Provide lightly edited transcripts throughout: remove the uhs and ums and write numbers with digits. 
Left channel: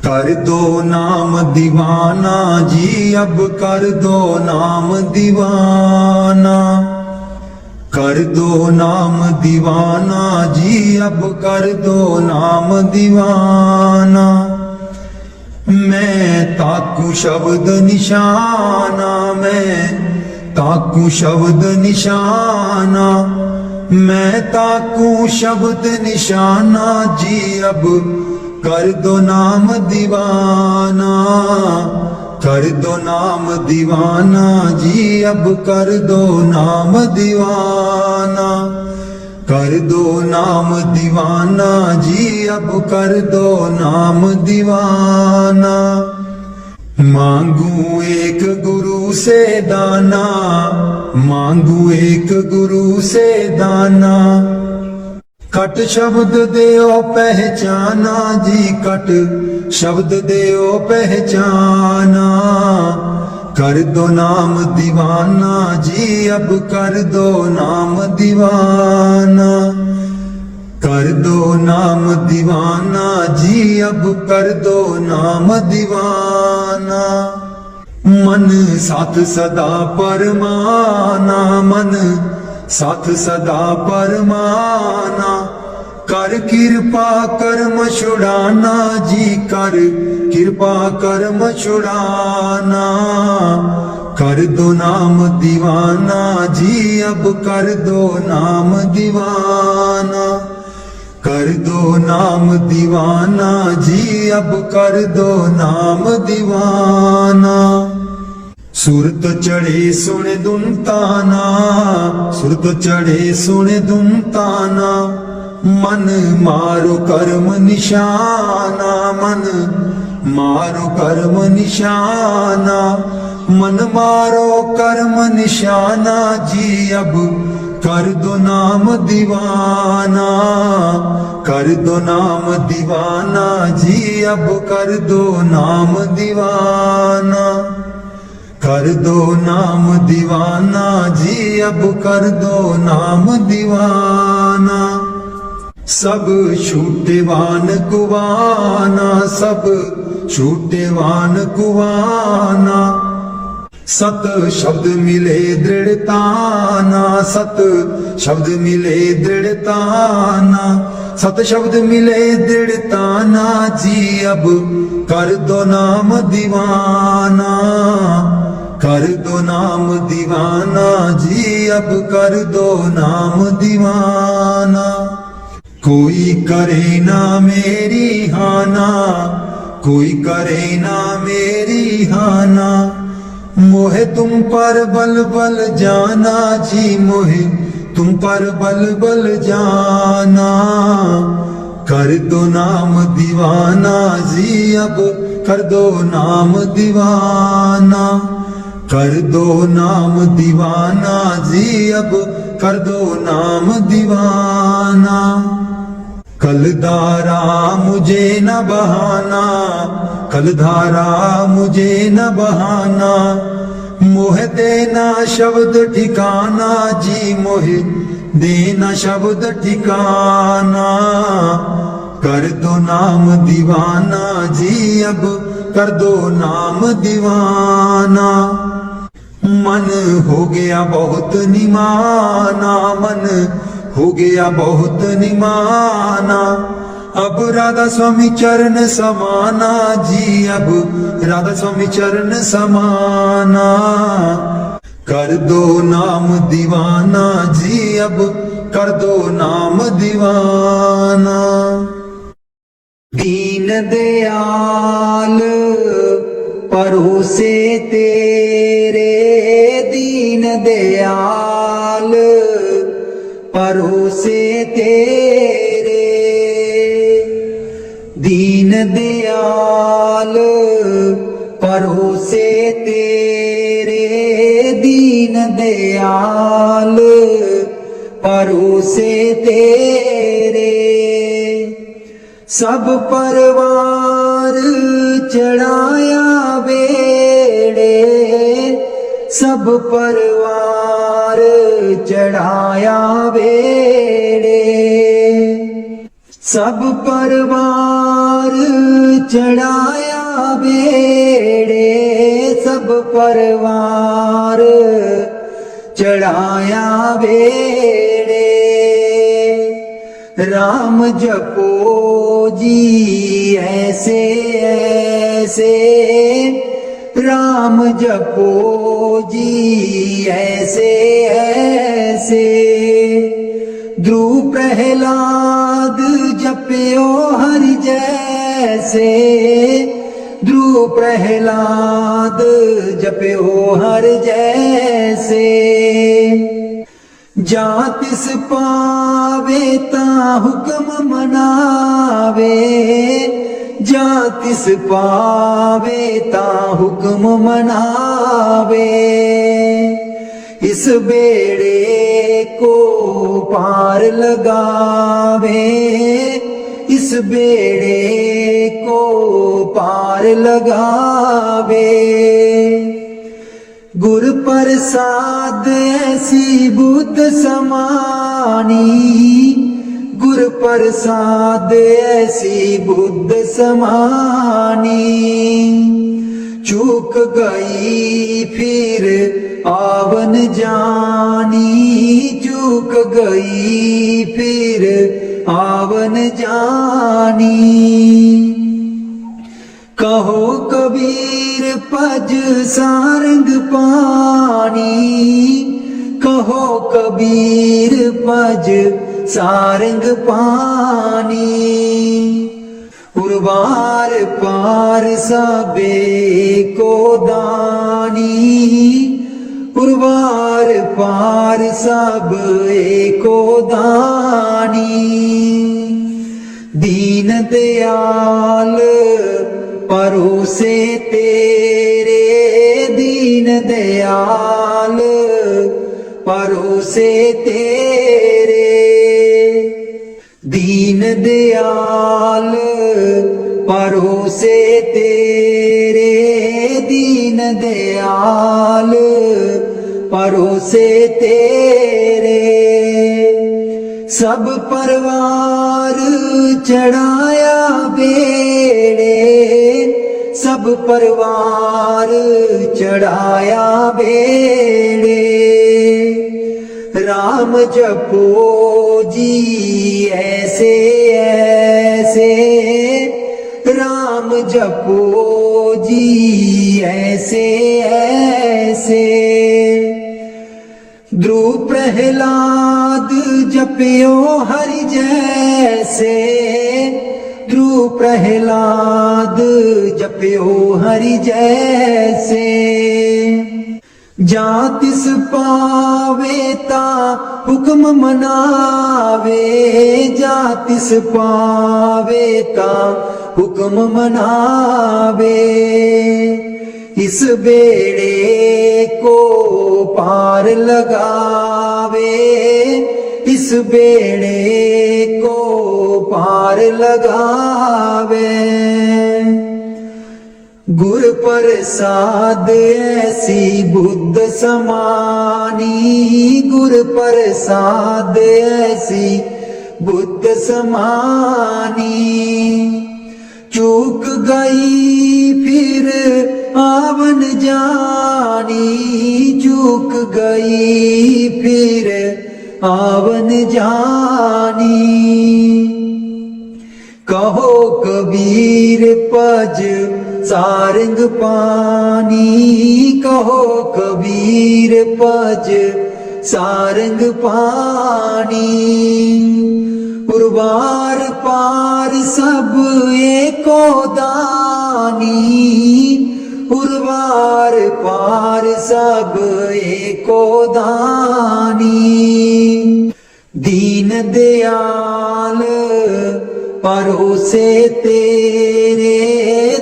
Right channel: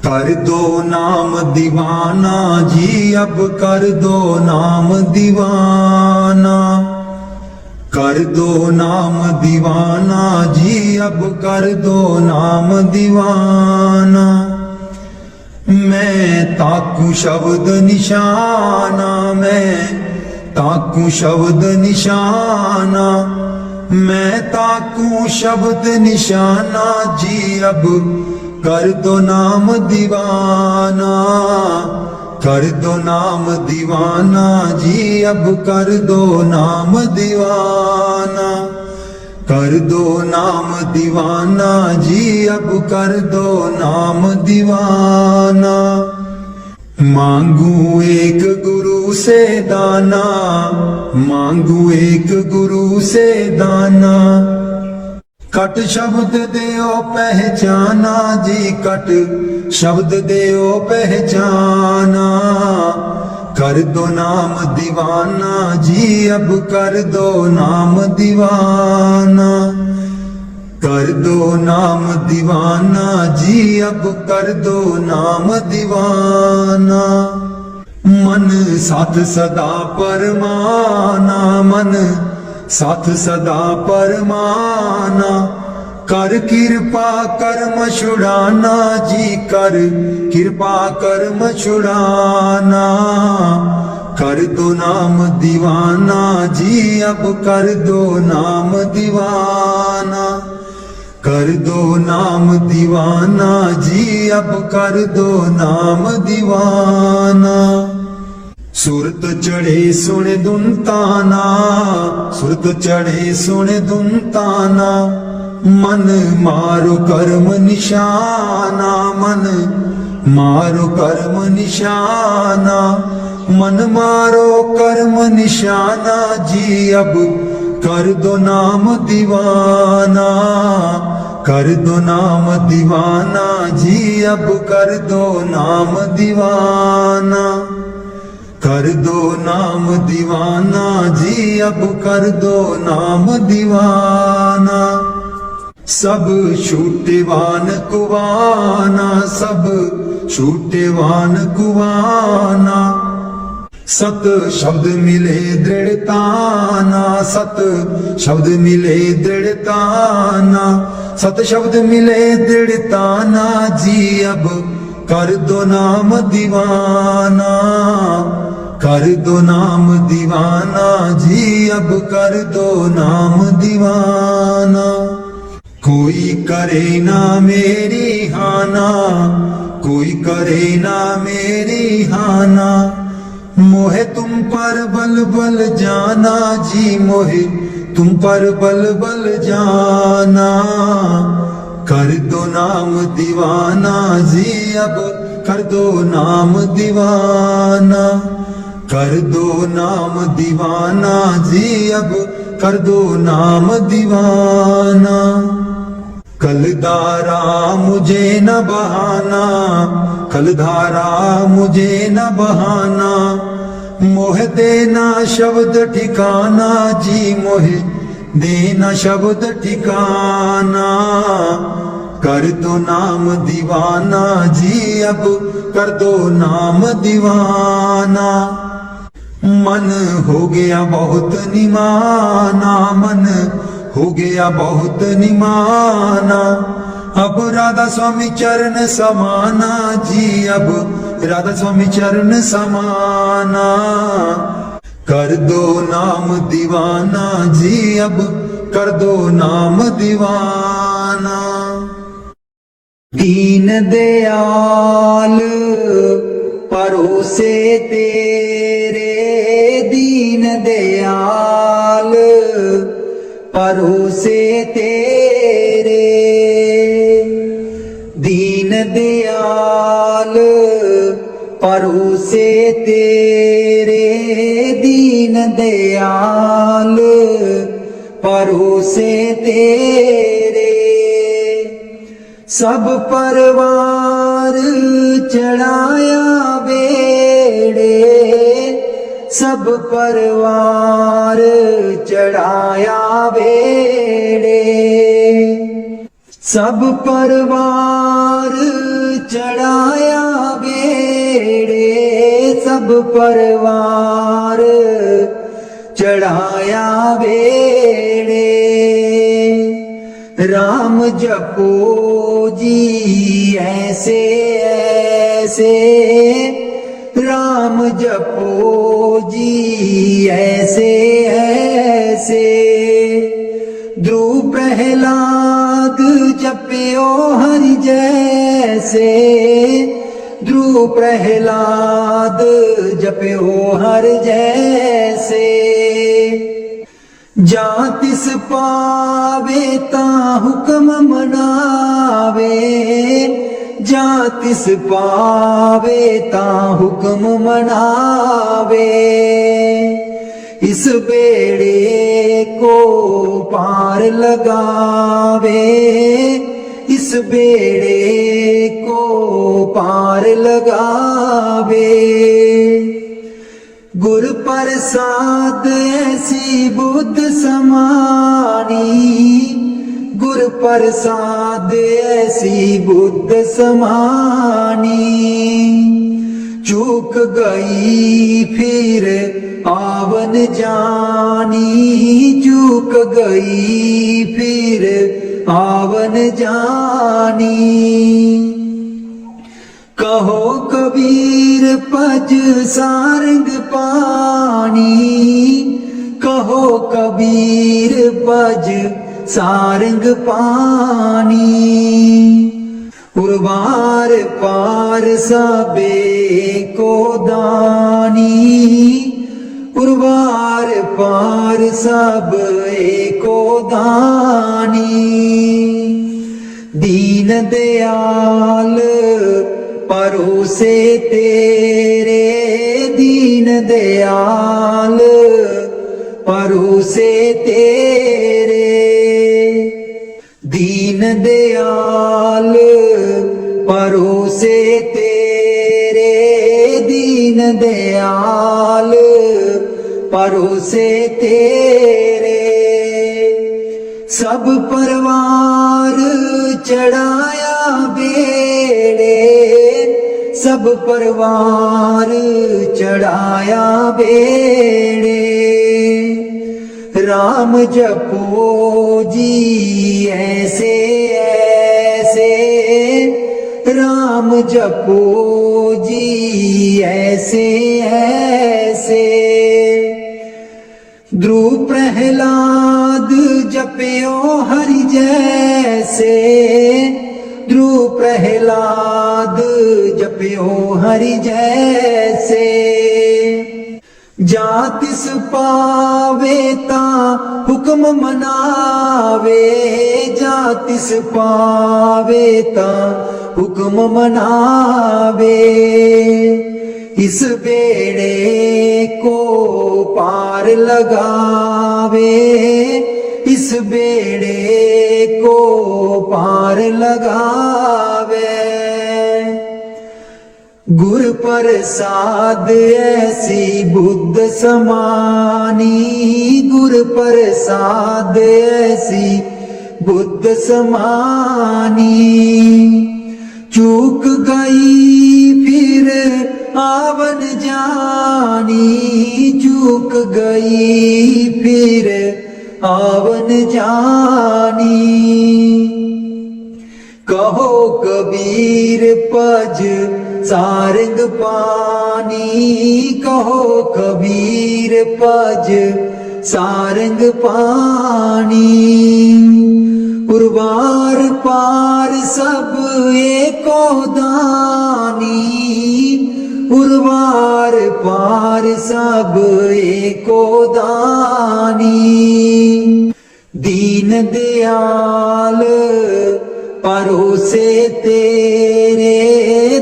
कर दो नाम दीवाना जी, अब कर दो नाम दीवाना। कर दो नाम दीवाना जी, अब कर दो नाम दीवाना। मैं ताकू शब्द निशाना, मैं ताकू शब्द निशाना। मैं ताकू शब्द निशाना जी, अब कर दो नाम दीवाना। कर दो नाम दीवाना जी, अब कर दो नाम दीवाना। कर दो नाम दीवाना जी, अब कर दो नाम दीवाना। मांगू एक गुरु से दाना, मांगू एक गुरु से दाना। कट शब्द देओ पहचाना जी, कट शब्द देओ पहचाना। कर दो नाम दीवाना जी, अब कर दो नाम दीवाना। कर दो नाम दीवाना जी, अब कर दो नाम दीवाना। मन साथ सदा परमाना, मन साथ सदा परमाना। कर कृपा कर्म छुड़ाना जी, कर कृपा कर्म छुड़ाना। कर दो नाम दीवाना जी, अब कर दो नाम दीवाना। कर दो नाम दीवाना जी, अब कर दो नाम दीवाना। सुरत चढ़े सुने दुनताना, सुरत चढ़े सुने दुनताना। मन मारो कर्म निशाना, मन मारो कर्म निशाना। मन मारो कर्म निशाना जी, अब कर दो नाम दीवाना। कर दो नाम दीवाना जी, अब कर दो नाम दीवाना। कर दो नाम दीवाना जी, अब कर दो नाम दीवाना। सब छूटेवान कुवाना, सब छूटेवान कुवाना। सत शब्द मिले दृढ़ताना, सत शब्द मिले दृढ़ताना। सत शब्द मिले दृढ़ताना जी, अब कर दो नाम दीवाना। कर दो नाम दीवाना जी, अब कर दो नाम दीवाना। कोई करे ना मेरी हाना, कोई करे ना मेरी हाना। मोहे तुम पर बल बल जाना जी, मोहे तुम पर बल बल जाना। कर दो नाम दीवाना जी, अब कर दो नाम दीवाना। कर दो नाम दीवाना जी, अब कर दो नाम दीवाना। कलधारा मुझे न बहाना, कलधारा मुझे न बहाना। मोह देना शब्द ठिकाना जी, मोह देना शब्द ठिकाना। कर दो नाम दीवाना जी, अब कर दो नाम दीवाना। मन हो गया बहुत निमाना, मन हो गया बहुत निमाना। अब राधा स्वामी चरण समाना जी, अब राधा स्वामी चरण समाना। कर दो नाम दीवाना जी, अब कर दो नाम दीवाना। दीन दयाल परोसे तेरे, दीन दयाल परोसे तेरे। दीन दयाल परोसे तेरे, दीन दयाल परोसे तेरे। सब परवार चढ़ाया बेड़े, सब परवार चढ़ाया बेड़े। सब परवार चढ़ाया सब परवार चढ़ाया बेड़े। राम जपो जी ऐसे ऐसे, राम जपो जी ऐसे ऐसे। ध्रुव प्रहलाद जपियो हरि जैसे, ध्रुव प्रहलाद जपियो हरि जैसे। जा तिस पावे ता हुक्म मनावे, जा तिस पावे ता हुक्म मनावे। इस बेड़े को पार लगावे, इस बेड़े को पार लगावे। गुर प्रसाद ऐसी बुद्ध समानी, गुर प्रसाद ऐसी बुद्ध समानी। चूक गई फिर आवन जानी, चूक गई फिर आवन जानी। कहो कबीर पज सारंग पानी, कहो कबीर पज सारंग पानी। उर्वार पार सबे को दानी, उर्वार पार सब एको दानी। दीन दयाल परोसे तेरे, दीन दयाल परोसे तेरे। दीन दयाल परोसे तेरे, दीन दयाल परोसे तेरे। सब परवार चढ़ाया बेड़े, सब परवार चढ़ाया बेड़े। राम जपो जी ऐसे ऐसे, राम जपो जी ऐसे ऐसे। ध्रुव प्रहलाद जपियो हरि जैसे, ध्रुव प्रहलाद जपियो हरि जैसे। जा तिस पावे ता हुक्म मनावे, जा तिस पावे ता हुक्म मनावे। इस बेड़े को पार लगावे, इस बेड़े को पार लगावे। गुर प्रसाद ऐसी बुद्ध समानी, गुर प्रसाद ऐसी बुद्ध समानी। चूक गई फिर आवन जानी, चूक गई फिर आवन जानी। कहो कबीर पज सारंग पानी, कहो कबीर पज सारंग पानी। उर्वार पार सब एको दानी, उर्वार पार सब एको दानी। दीन दयाल परोसे तेरे,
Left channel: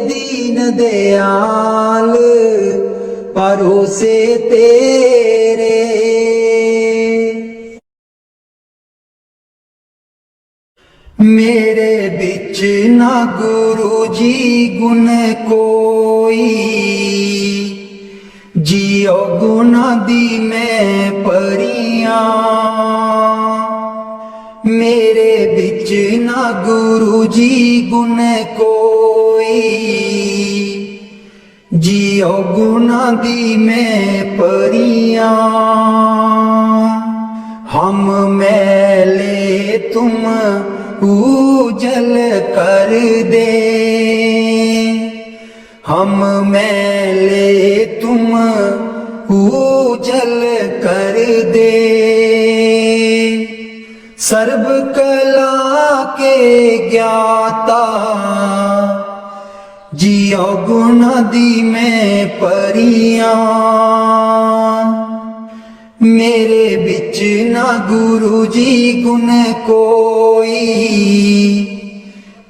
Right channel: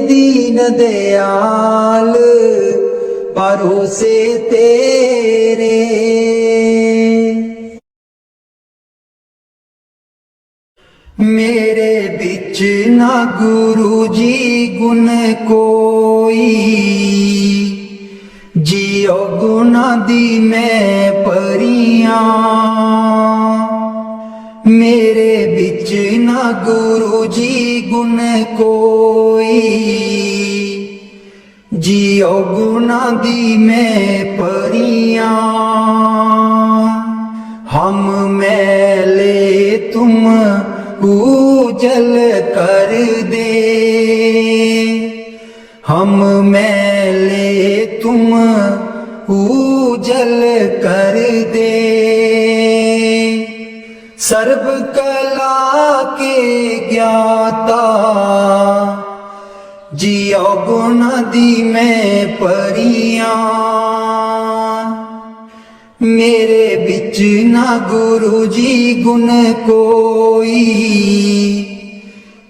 दीन दयाल परोसे तेरे। मेरे बिच ना गुरु जी गुण कोई, जियो गुना दी मैं परियां। मेरे बिच ना गुरु जी गुण कोई, जियो गुना दी मैं परियां, हम मैले तुम उजल कर दे, हम मैले तुम उजल कर दे। सर्व कला के ज्ञाता जियो गुण दी मैं परियां, मेरे बिच ना गुरु जी गुण कोई,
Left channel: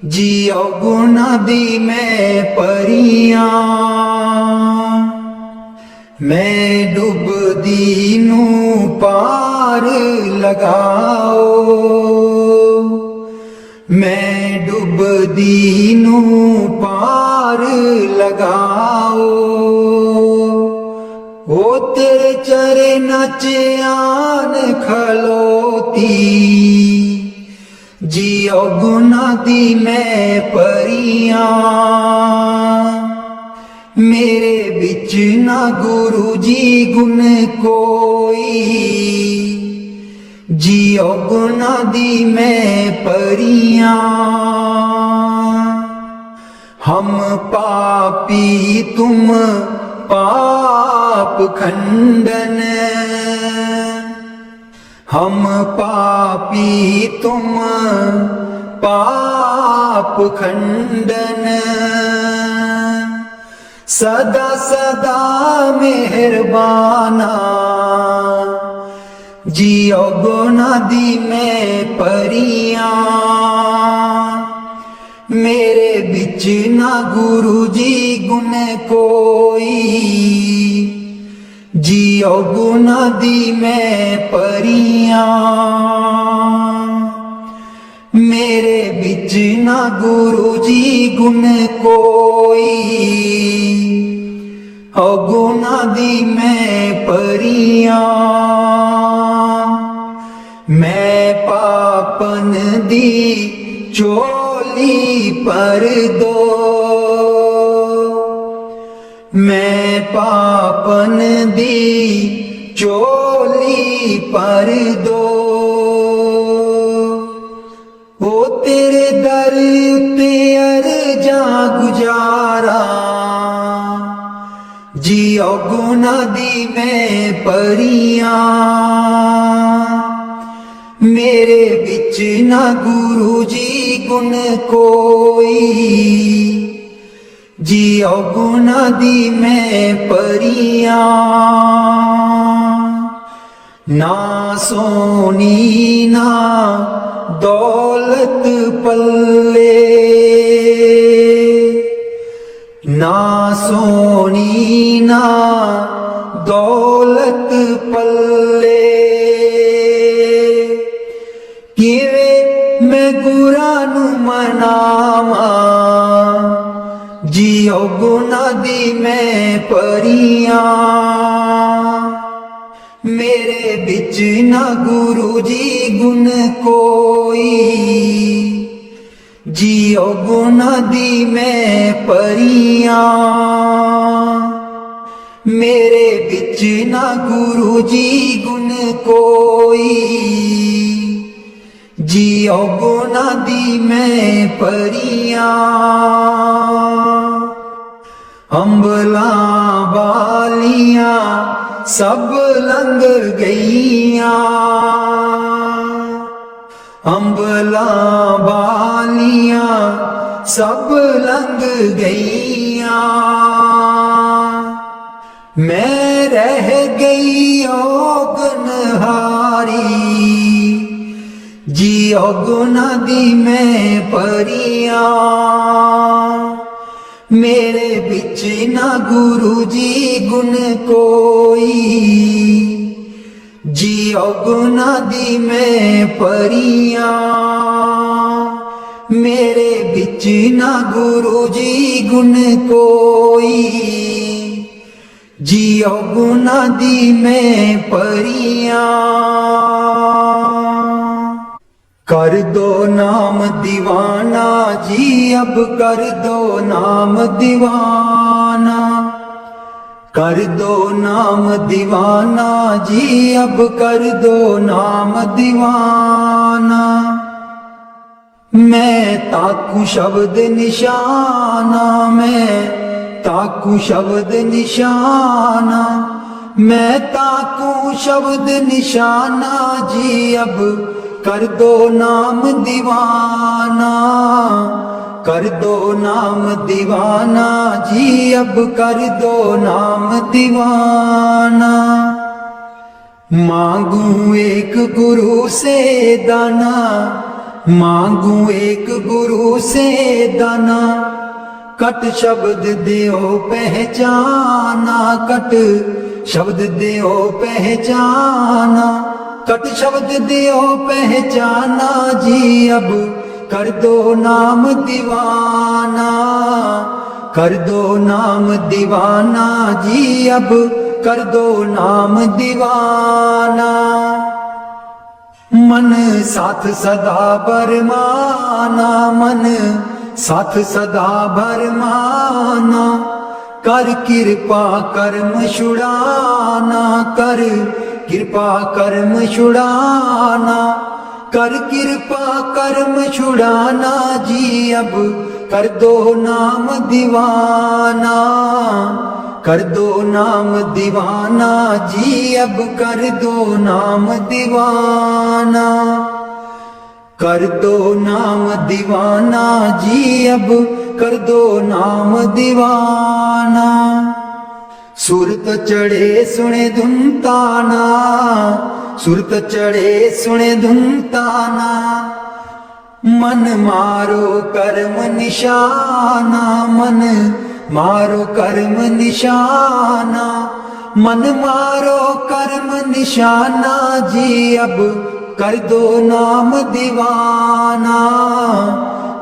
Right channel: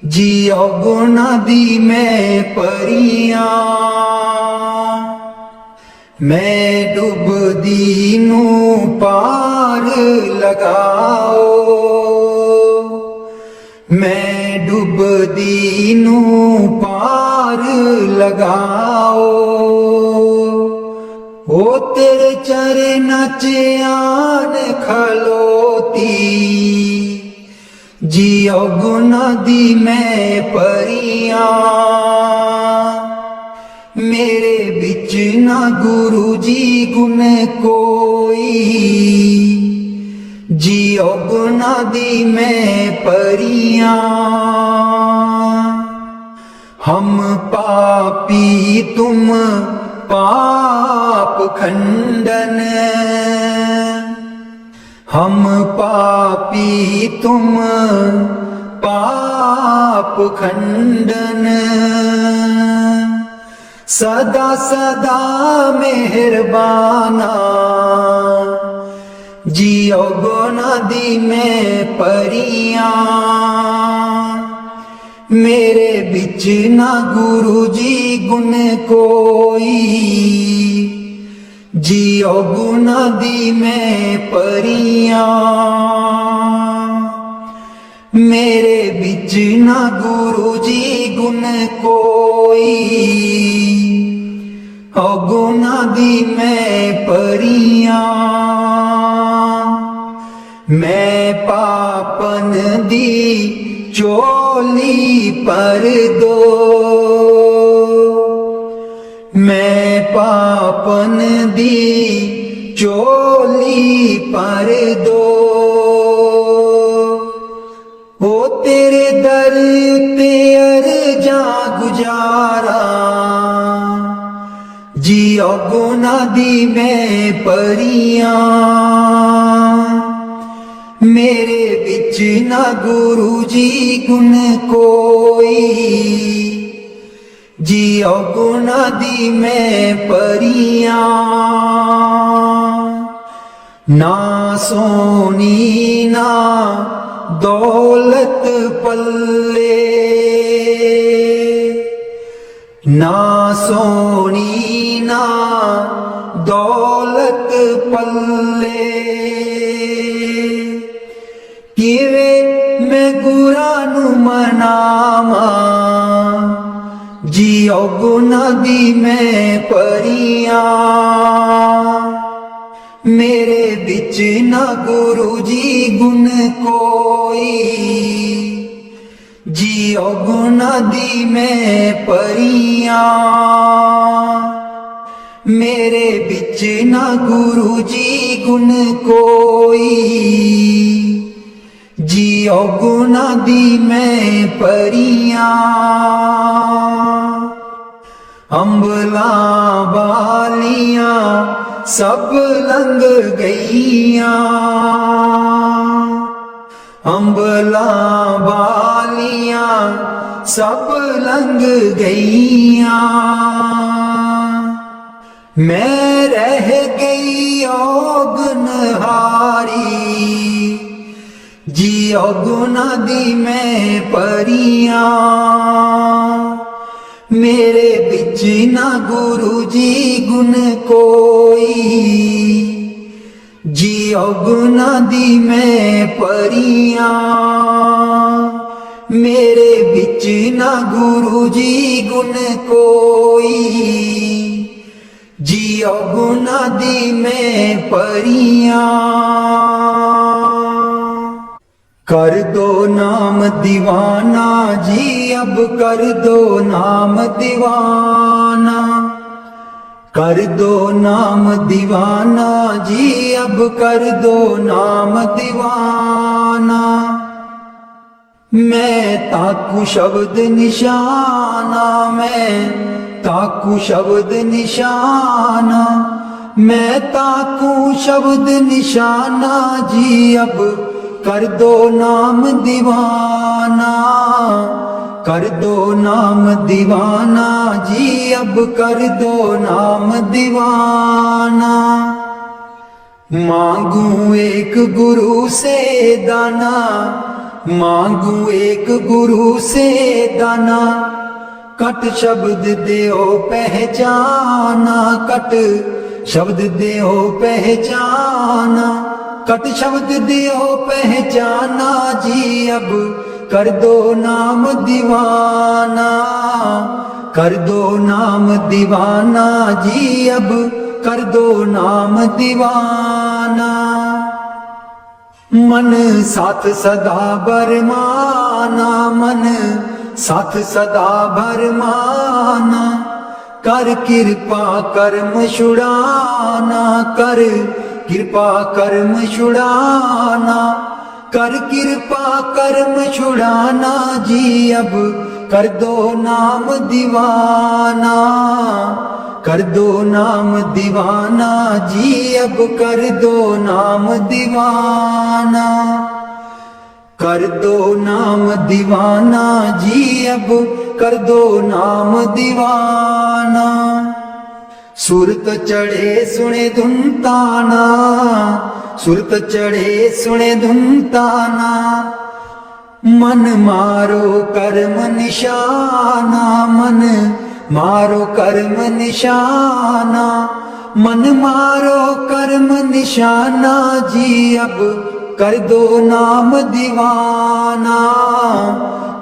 जियो गुण दी मैं परियां। मैं डुबदी नू पार लगाओ, मैं डुबदी नू पार लगाओ, ओ तेरे चरण च आन खलोती, जियो गुना दी मैं परियां, मेरे बिच ना गुरु जी गुण कोई, जियो गुना दी मैं परियां। हम पापी तुम पाप खंडन, हम पापी तुम पाप खंडन, सदा सदा मेहरबाना, जियो गुना दी मैं परियां, मेरे बिच ना गुरु जी गुण कोई, जियो गुना दी मैं परियां, मेरे बिच ना गुरु जी गुण कोई, ओ गुना दी मैं परियां। मैं पापन दी चोली पर दो, मैं पापन दी चोली पर दो, ओ तेरे दर ते अर्जा गुजारा, जियो गुना दी मैं परियां, मेरे बिच ना गुरु जी गुण कोई, जियो गुना दी मैं परियां। ना सोनी ना दौलत पल्ले, ना सोनी ना दौलत पल्ले, किवे मैं गुरा नू मनावा, जियो गुना दी मैं परियां, मेरे बिच ना गुरु जी गुण कोई, जियो गुना दी मैं परियां, मेरे बिच ना गुरु जी गुण कोई, जियो गुना दी मैं परियां। अंबला वालियां सब लंघ गईयां, अंबला वालियां सब लंघ गईयां, मैं रह गई ओगनहारी, जियो गुना दी मैं परियां, मेरे बिच ना गुरु जी गुण कोई, जियो गुना दी मैं परियां, मेरे बिच ना गुरु जी गुण कोई, जियो गुना दी मैं परियां। कर दो नाम दीवाना जी, अब कर दो नाम दीवाना, कर दो नाम दीवाना जी, अब कर दो नाम दीवाना। मैं ताकू शब्द निशाना, मैं ताकू शब्द निशाना, मैं ताकू शब्द निशाना जी, अब कर दो नाम दीवाना। कर दो नाम दीवाना जी, अब कर दो नाम दीवाना। मांगू एक गुरु से दाना, मांगू एक गुरु से दाना, कट शब्द देओ पहचाना, कट शब्द देओ पहचाना, कट शब्द देओ पहचाना जी, अब कर दो नाम दीवाना। कर दो नाम दीवाना जी, अब कर दो नाम दीवाना। मन साथ सदा बरमाना, मन साथ सदा बरमाना, कर कृपा कर्म छुड़ाना, कर कृपा कर्म छुड़ाना, कर कृपा कर्म छुड़ाना जी, अब कर दो नाम दीवाना। कर दो नाम दीवाना जी, अब कर दो नाम दीवाना। कर दो नाम दीवाना जी, अब कर दो नाम दीवाना। सुरत चढ़े सुने धुन ताना, सुरत चढ़े सुने धुन ताना, मन मारो कर्म निशाना, मन मारो कर्म निशाना, मन मारो कर्म निशाना जी, अब कर दो नाम दीवाना।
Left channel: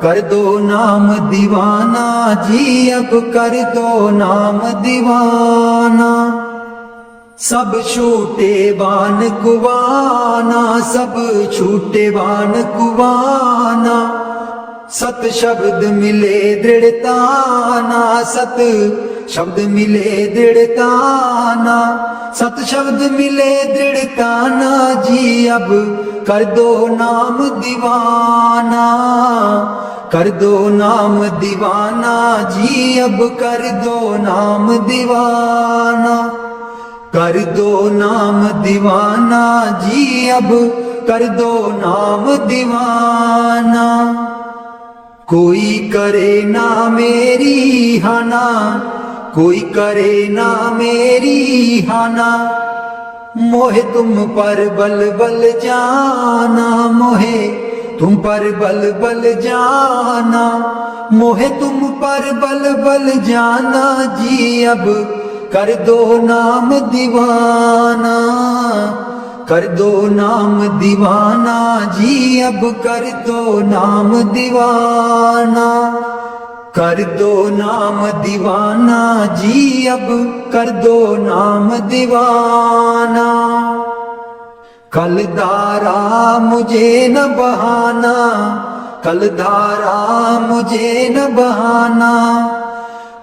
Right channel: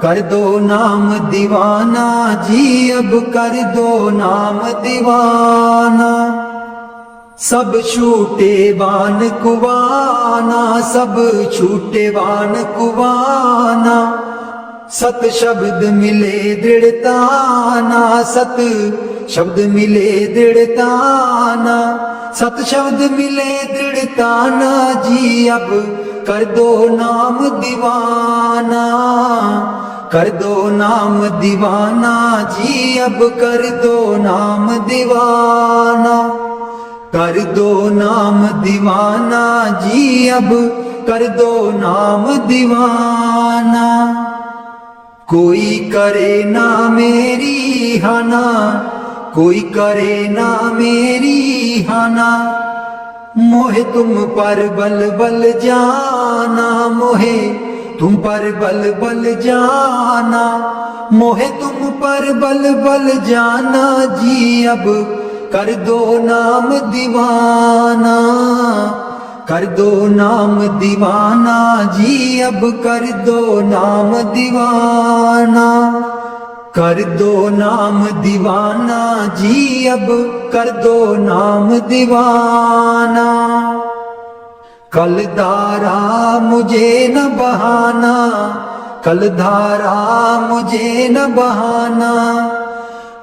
कर दो नाम दीवाना जी, अब कर दो नाम दीवाना। सब छूटे बान कुवाना, सब छूटे बान कुवाना, सत शब्द मिले दृढ़ताना, सत शब्द मिले दृढ़ताना, सत शब्द मिले दृढ़ताना जी, अब कर दो नाम दीवाना। कर दो नाम दीवाना जी, अब कर दो नाम दीवाना। कर दो नाम दीवाना जी, अब कर दो नाम दीवाना। कोई करे ना मेरी हाना, कोई करे ना मेरी हाना, मोहे तुम पर बल बल जाना, मोहे तुम पर बल बल जाना, मोहे तुम पर बल बल जाना जी, अब कर दो नाम दीवाना। कर दो नाम दीवाना जी, अब कर दो नाम दीवाना। कर दो नाम दीवाना जी, अब कर दो नाम दीवाना। कल धारा मुझे न बहाना, कल धारा मुझे न बहाना,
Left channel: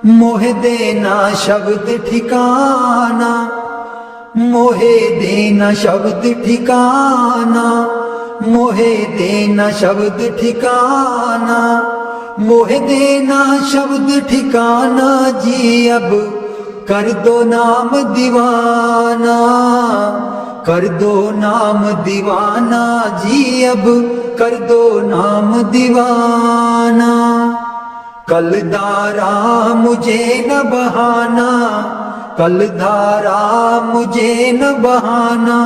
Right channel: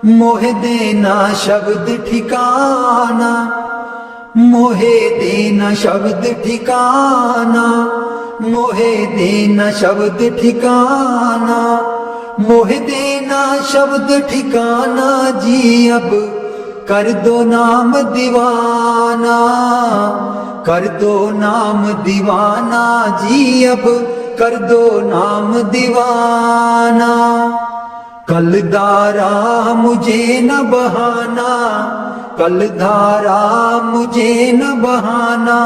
मोहे देना शब्द ठिकाना, मोहे देना शब्द ठिकाना, मोहे देना शब्द ठिकाना, मोहे देना शब्द ठिकाना जी, अब कर दो नाम दीवाना। कर दो नाम दीवाना जी, अब कर दो नाम दीवाना। कल धारा मुझे न बहाना, कल धारा मुझे न बहाना,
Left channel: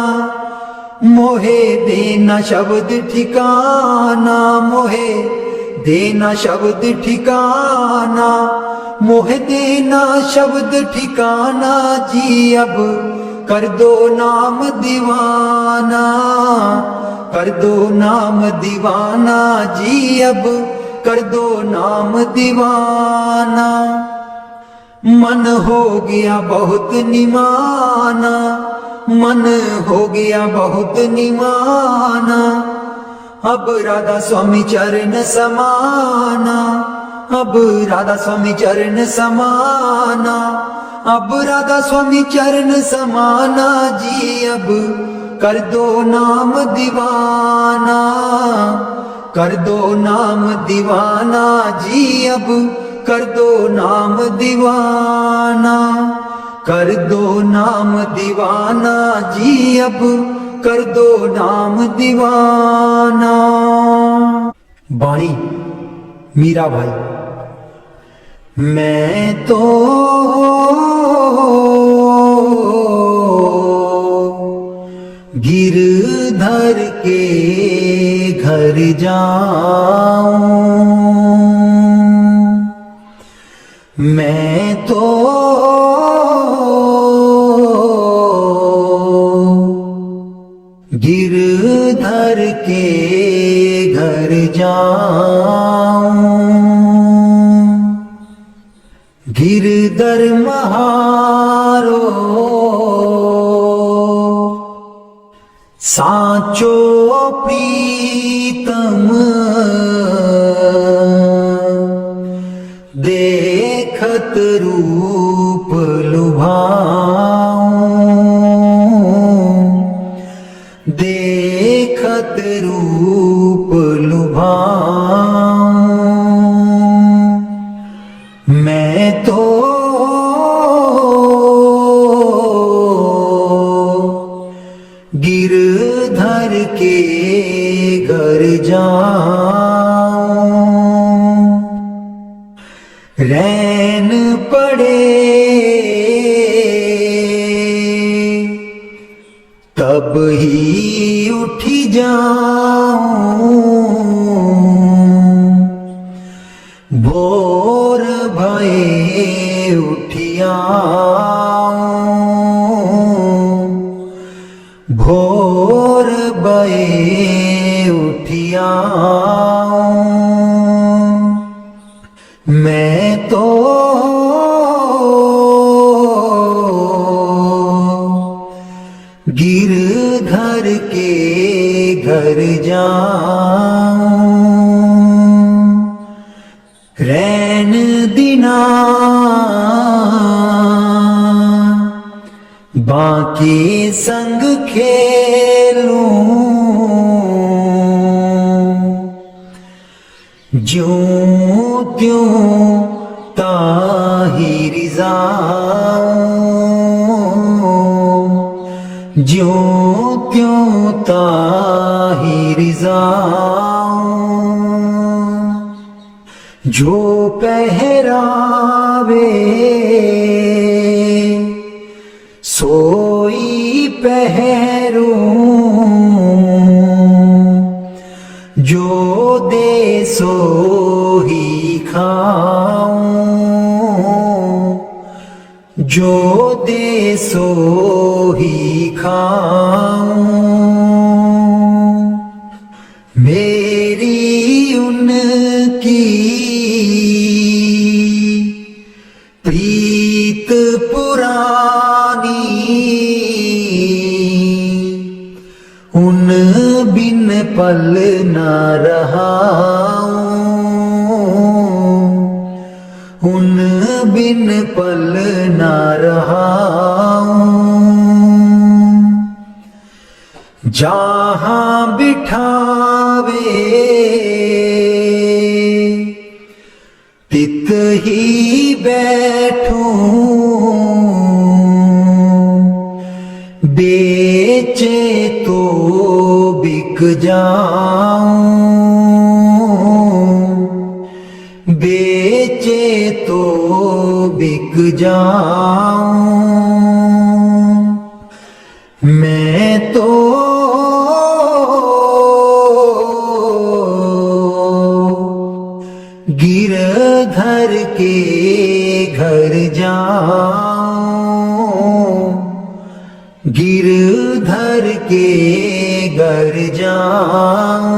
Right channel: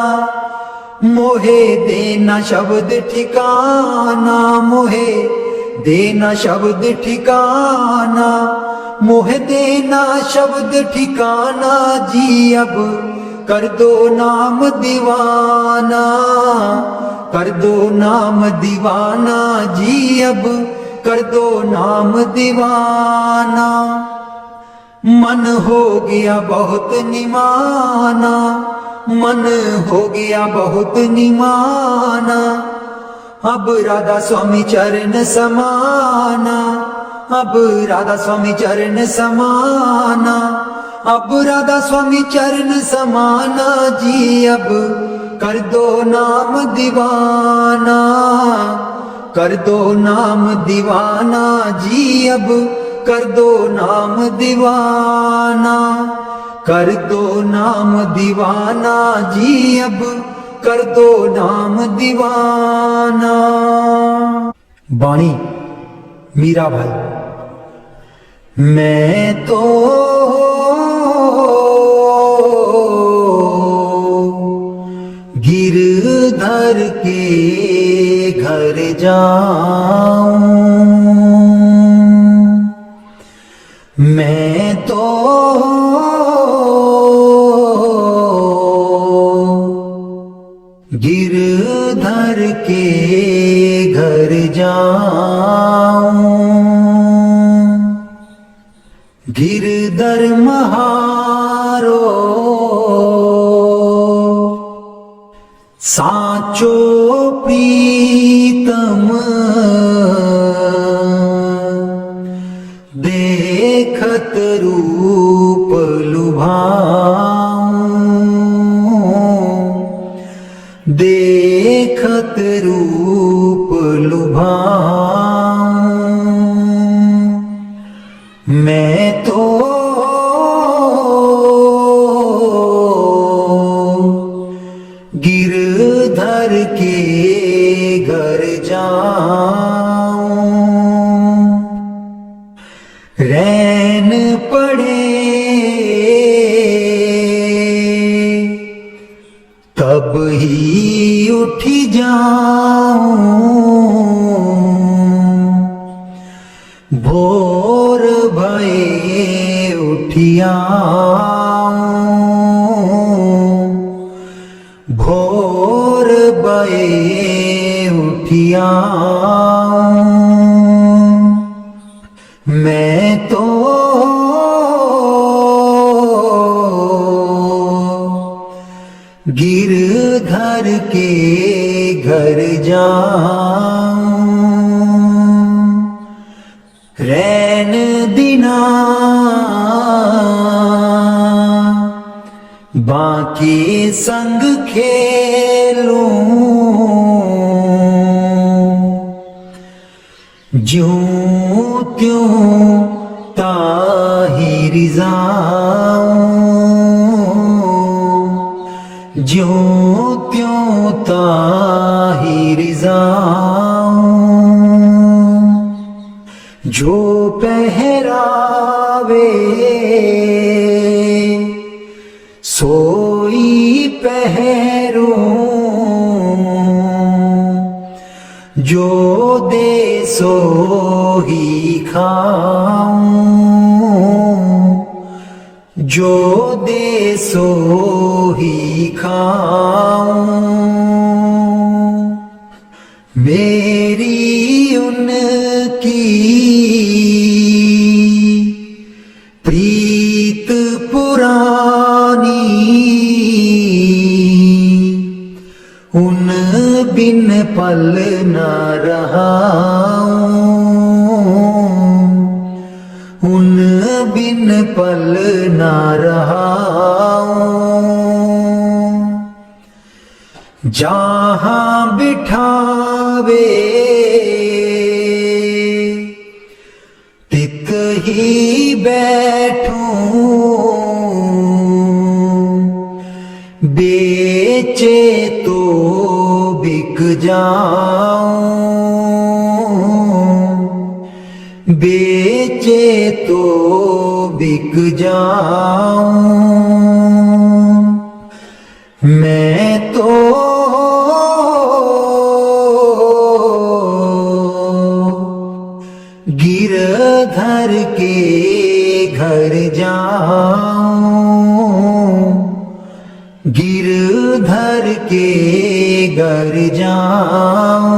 मोहे देना शब्द ठिकाना, मोहे देना शब्द ठिकाना, मोहे देना शब्द ठिकाना जी, अब कर दो नाम दीवाना। कर दो नाम दीवाना जी, अब कर दो नाम दीवाना। मन हो गया बहुत निमाना, मन हो गया बहुत निमाना, अब राधा स्वामी चरण समाना, अब राधा स्वामी चरण समाना, अब राधा स्वामी चरण समाना जी, अब कर दो नाम दीवाना, कर दो नाम दीवाना जी, अब कर दो नाम दीवाना, कर दो नाम दीवाना जी, अब कर दो नाम दीवाना। बाणी मीरा भाई। मैं तो गिरधर के घर जाऊं, मैं तो गिरधर के घर जाऊं, गिरधर महारो साचो प्रीतम, देखत रूप लुभाऊं, देखत रूप लुभाऊं, मैं तो गिरधर के घर जाऊं, रैन पड़े तब ही उठी जाऊं, भोर भये उठिया, भोर भये उठिया, मैं तो गिरधर के घर जाऊं, रैन दिना बाकी संग खेलूं, ज्यों त्यों ताहि रिज़ाऊं, ज्यों त्यों ताहि रिज़ाऊं, जो पहरावे सोई पहरूं, जो दे सो ही खाऊं, जो दे सो ही खाऊं, मेरी उनकी प्रीत पुरानी, उन बिन पल न रहाऊं, उन बिन पल न रहाऊं, जहाँ बिठावे तित ही बैठूं, बेचे तो बिक जाऊं, बेचे तो बिक जाऊं, मैं तो गिरधर के घर जाऊं, गिरधर के घर जाऊं,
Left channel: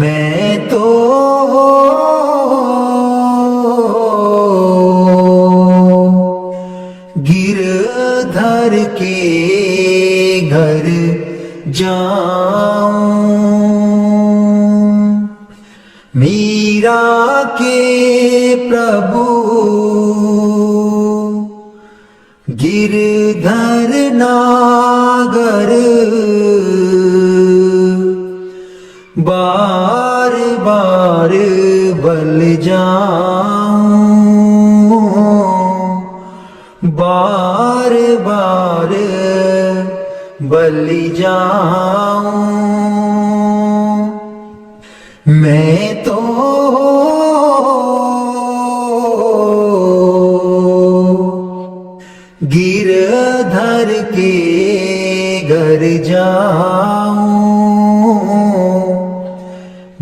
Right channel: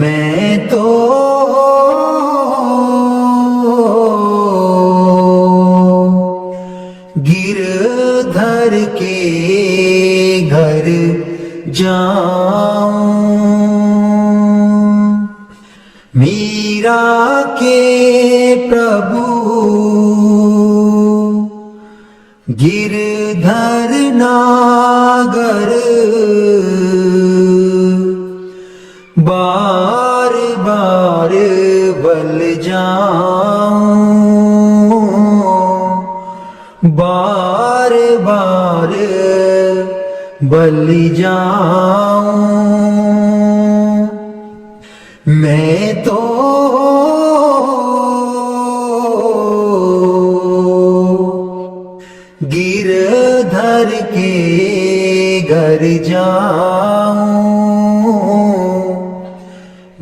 मैं तो गिरधर के घर जाऊं, मीरा के प्रभु गिरधर नागर बार बार बल जाऊं, बार बार बल जाऊं। मैं तो गिरधर के घर जाऊं,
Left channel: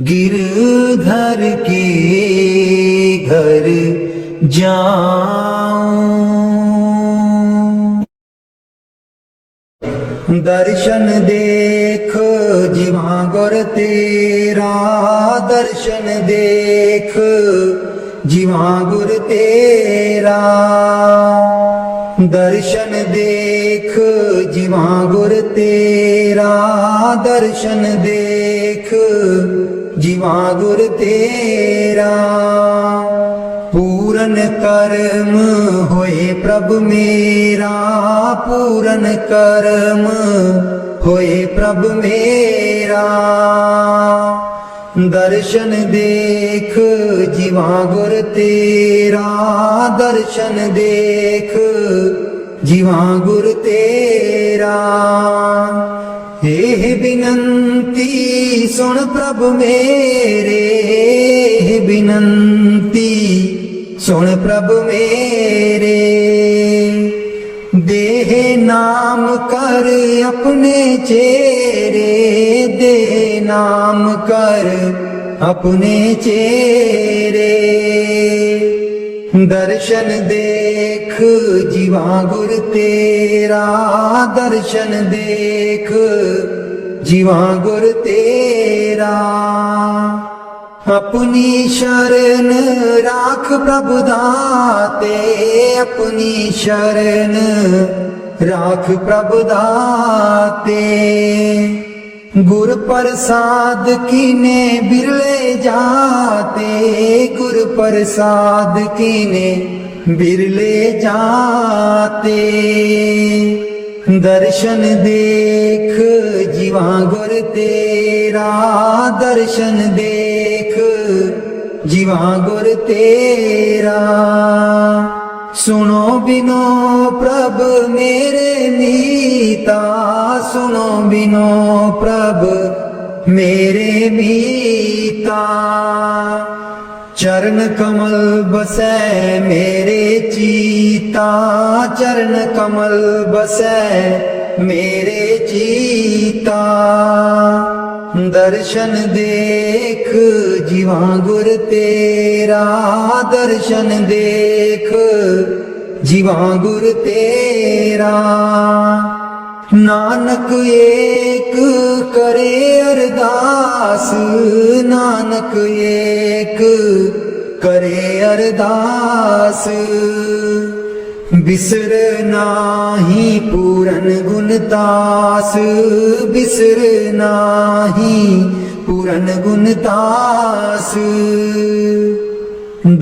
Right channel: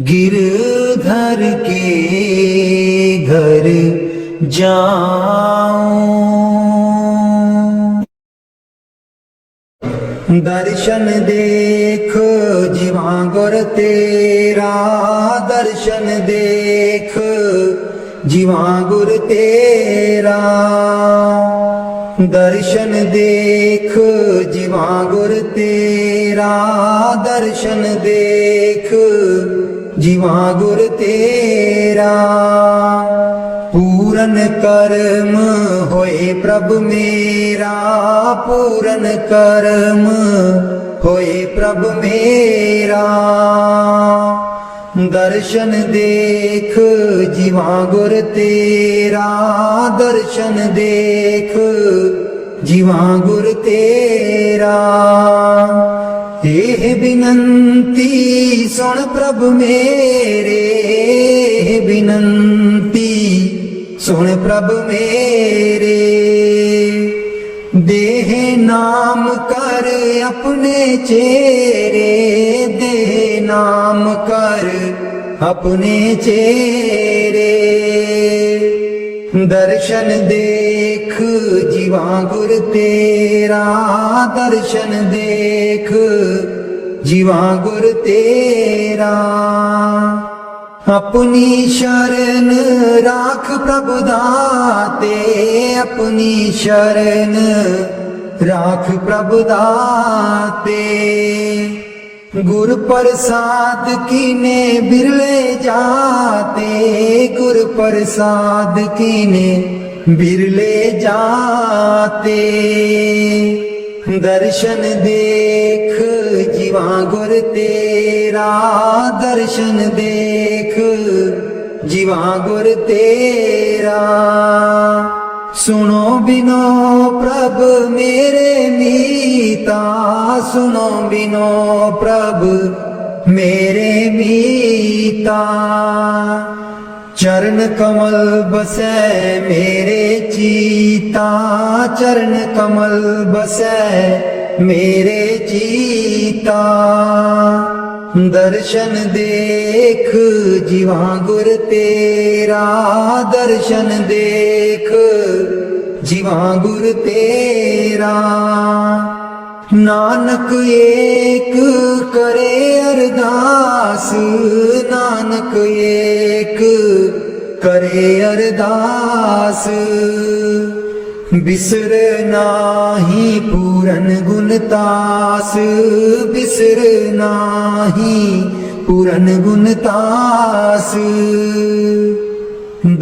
गिरधर के घर जाऊं। दर्शन देख जीवा गुर तेरा, दर्शन देख जीवा गुर तेरा, दर्शन देख जीवा गुर तेरा, दर्शन देख जीवा गुर तेरा। पूरन कर्म होए प्रभु मेरा, पूरन कर्म होए प्रभु मेरा। दर्शन देख जीवा गुर तेरा, दर्शन देख जीवा गुर तेरा। एह बिनंती सुन प्रभु मेरे, बिनंती सुन प्रभु मेरे। देह नाम कर अपने चेरे, देह नाम कर अपने चेरे। दर्शन देख जीवा गुर तेरा, दर्शन देख जीवा गुर तेरा। अपनी शरण राख प्रभु दाते, अपनी शरण राख प्रभु दाते। गुर प्रसाद कीने बिरले जाते, गुर प्रसाद कीने बिरले जाते। दर्शन देख जीवा गुर तेरा, दर्शन देख जीवा गुर तेरा। सुनो बिनो प्रभ मेरे मीता, सुनो बिनो प्रभ मेरे मीता। चरण कमल बसै मेरे चीता, चरण कमल बसै मेरे चीता। दर्शन देख जीवा गुर तेरा, दर्शन देख जीवा गुर तेरा। नानक एक करे अरदास, नानक एक करे अरदास। बिसर नाही पूरन गुण तास, बिसर नाही पूरन गुण तास।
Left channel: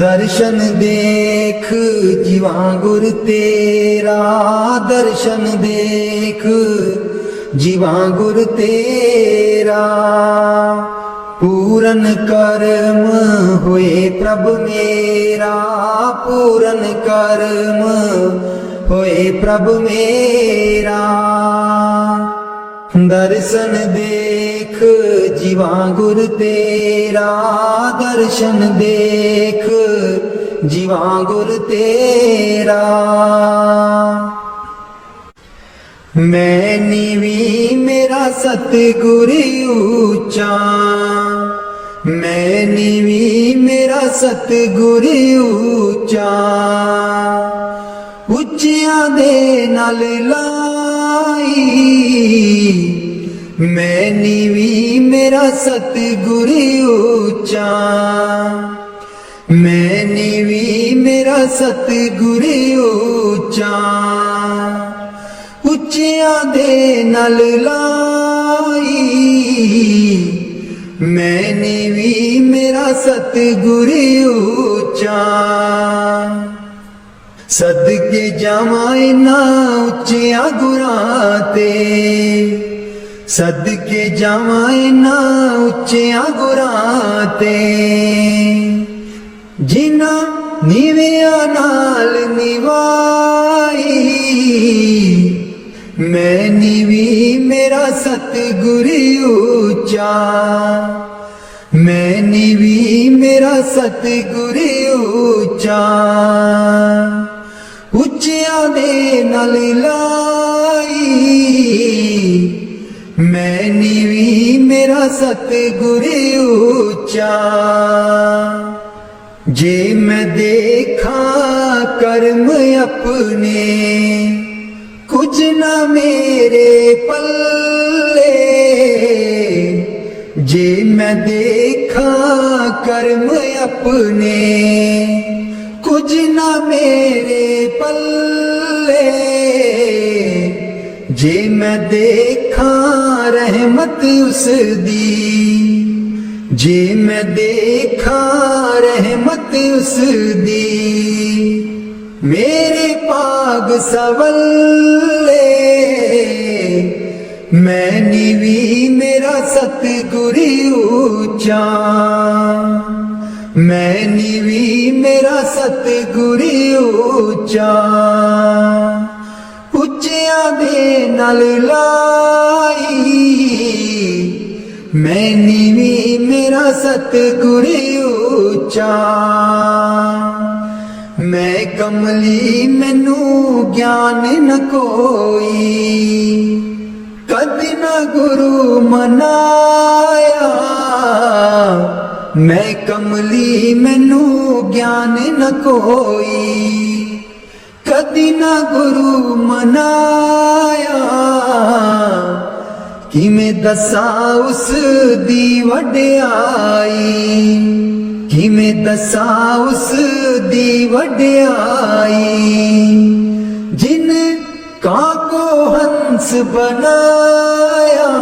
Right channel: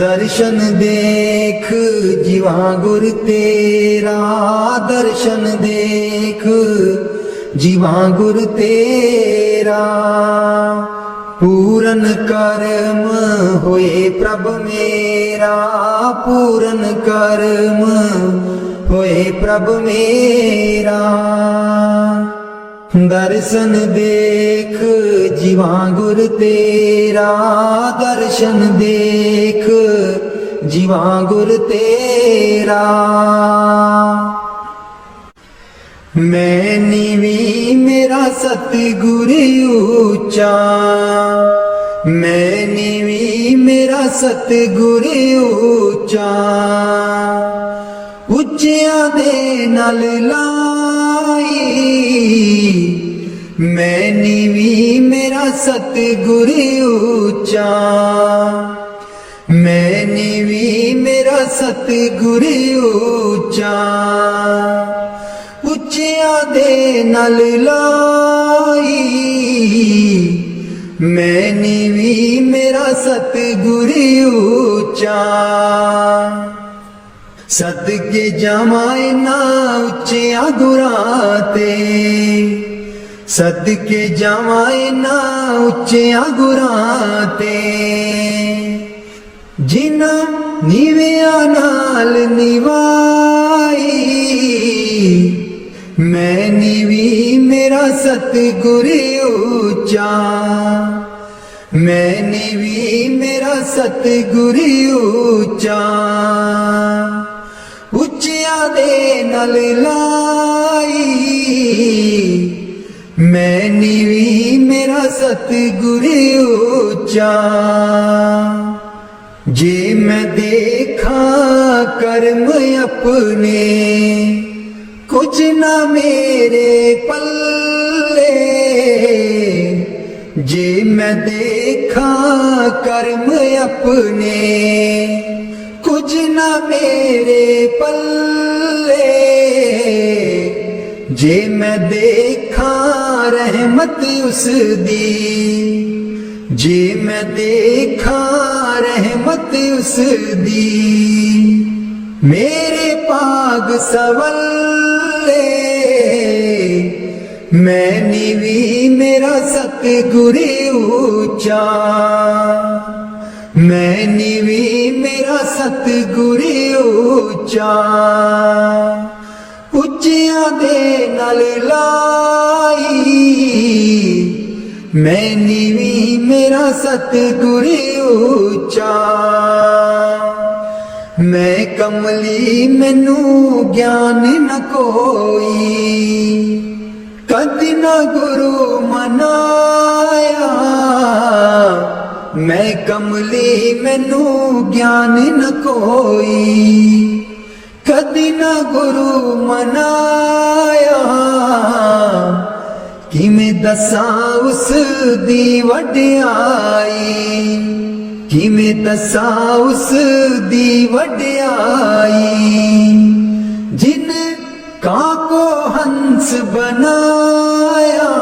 दर्शन देख जीवा गुर तेरा, दर्शन देख जीवा गुर तेरा। पूरन कर्म हुए प्रभु मेरा, पूरन कर्म हुए प्रभु मेरा। दर्शन देख जीवा गुर तेरा, दर्शन देख जीवा गुर तेरा। मैं नीवी मेरा सतगुर ऊंचा, मैं नीवी मेरा सतगुर ऊंचा। ਉੱਚਿਆਂ ਦੇ ਨਾਲ ਲਾਈ, ਮੈਂ ਨੀਵੀਂ ਮੇਰਾ ਸਤਿਗੁਰ ਉੱਚਾ। ਮੈਂ ਨੀਵੀਂ ਮੇਰਾ ਸਤਿਗੁਰ ਉੱਚਾ। ਉੱਚਿਆਂ ਦੇ ਨਾਲ ਲਾਈ, ਮੈਂ ਨੀਵੀਂ ਮੇਰਾ ਸਤਿਗੁਰ ਉੱਚਾ। सदके जावां इन्हां उच्चियां गुरां ते, सदके जावां इन्हां उच्चियां गुरां ते, जिन्हां नीवियां नाल निवाई। मैं नीवी मेरा सतगुर ऊंचा, मैं नीवी मेरा सतगुर ऊंचा। उच्चियां दे नाल लाई, मैं नीवी मेरा सतगुर ऊंचा। जे मैं देखा कर्म अपने, कुछ ना मेरे पल्ले। जे मैं देखा कर्म अपने, कुछ ना मेरे पल्ले। जे मैं देखा रहमत उस दी, जे मैं देखा रहमत उस दी। मेरे पाग सवल्ले, मैं नीवी मेरा सतगुर ऊंचा। मैं नीवी मेरा सतगुर ऊंचा। उच्चियां दे नाल लाई, मैं नीवी मेरा सतगुर ऊंचा। मैं कमली मैनू ज्ञान न कोई, कदी न गुरु मनाया। मैं कमली मैनू ज्ञान न कोई, कदी न गुरु मनाया। किवें दसां उस दी वड्याई, किवें दसां उस दी वड्याई। जिन कां को हंस बनाया,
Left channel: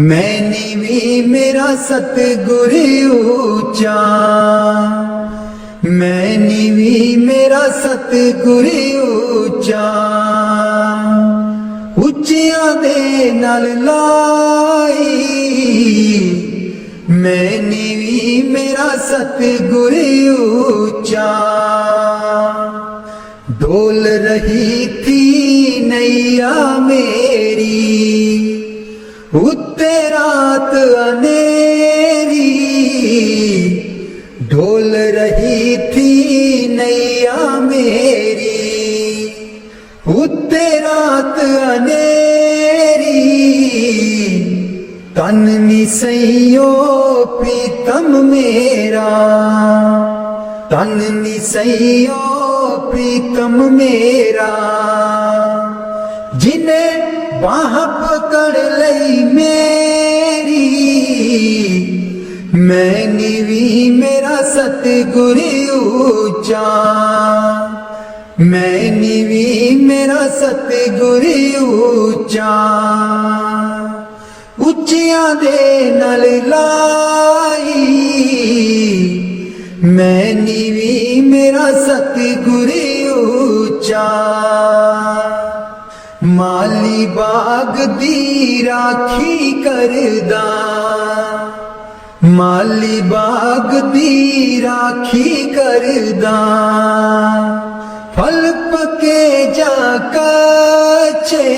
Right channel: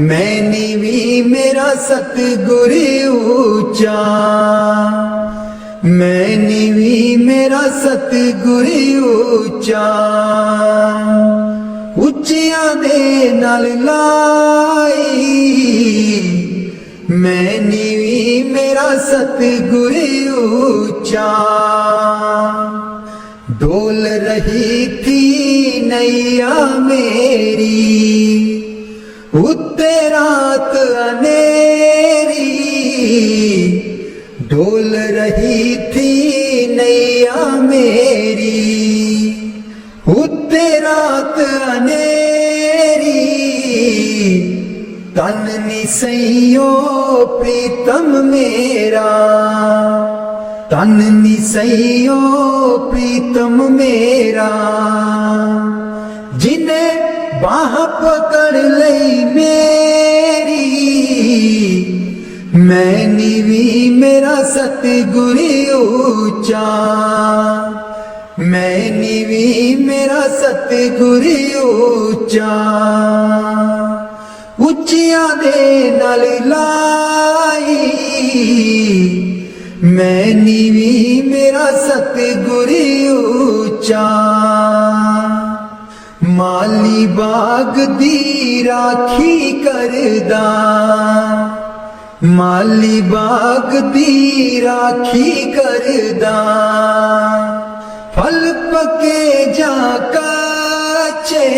मैं नीवी मेरा सतगुर ऊंचा। मैं नीवी मेरा सतगुर ऊंचा। उच्चियां दे नाल लाई, मैं नीवी मेरा सतगुर ऊंचा। डोल रही थी नैया मेरी, उत्ते रात अंधेरी। डोल रही थी नैया मेरी, उत्ते रात अंधेरी। तन नी सइयो प्रीतम मेरा, तन नी सइयो प्रीतम मेरा। जिन्हें बाह पकड़ लई मेरी, मैं नीवी मेरा सतगुर ऊंचा। मैं नीवी मेरा सतगुर ऊंचा। उच्चियां दे नाल लाई, मैं नीवी मेरा सतगुर ऊंचा। माली बाग दी राखी करदा, माली बाग दी राखी करदा। फल पके जा कच्चे,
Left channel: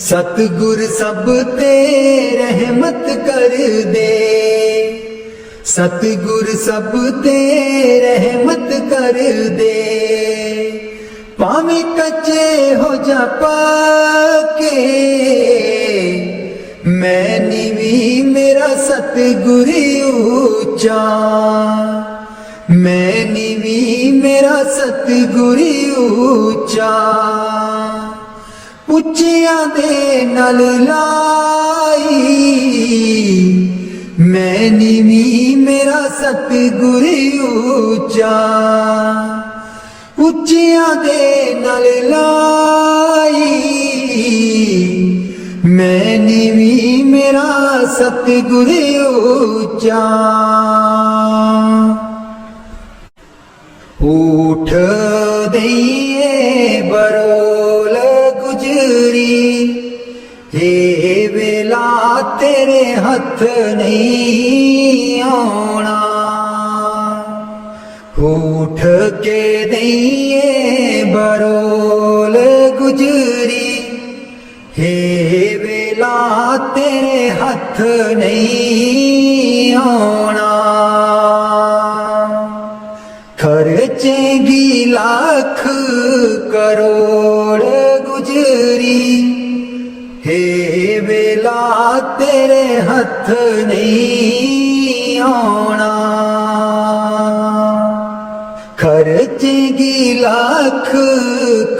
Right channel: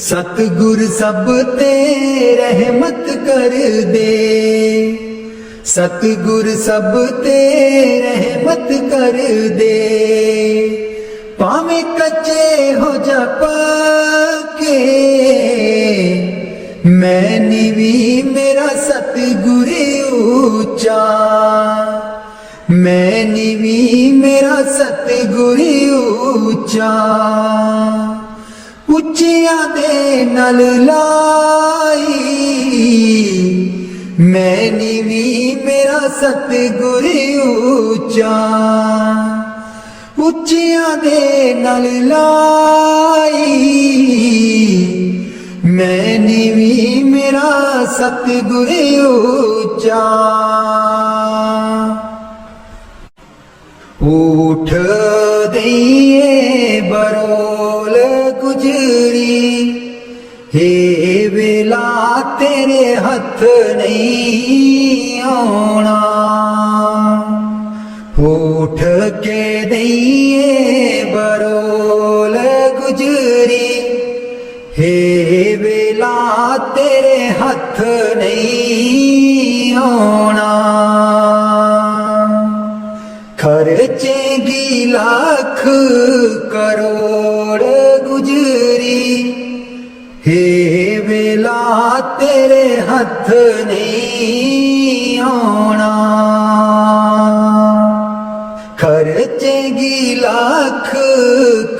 सतगुर सब ते रहमत कर दे। सतगुर सब ते रहमत कर दे। भावें कच्चे हो जा पक्के, मैं नीवी मेरा सतगुर ऊंचा। मैं नीवी मेरा सतगुर ऊंचा। उच्चियां दे नाल लाई, मैं नीवी मेरा सतगुर ऊंचा। उच्चियां दे नाल लाई, मैं नीवी मेरा सतगुर ऊंचा। ਊਠ ਦਈਏ ਬਰੋਲ ਗੁਜਰੀ ਹੇ ਵੇਲਾ ਤੇਰੇ ਹੱਥ ਨਹੀਂ ਆਉਣਾ ਊਠ ਕੇ ਦਈਏ ਬਰੋਲ ਗੁਜਰੀ ਹੇ ਵੇਲਾ ਤੇਰੇ ਹੱਥ ਨਹੀਂ ਆਉਣਾ ਖਰਚੇਗੀ ਲੱਖ ਕਰੋੜ ਗੁਜਰੀ ਹੇ ਵੇਲਾ ਤੇਰੇ ਹੱਥ ਨਹੀਂ ਆਉਣਾ ਖਰਚੇਗੀ ਲੱਖ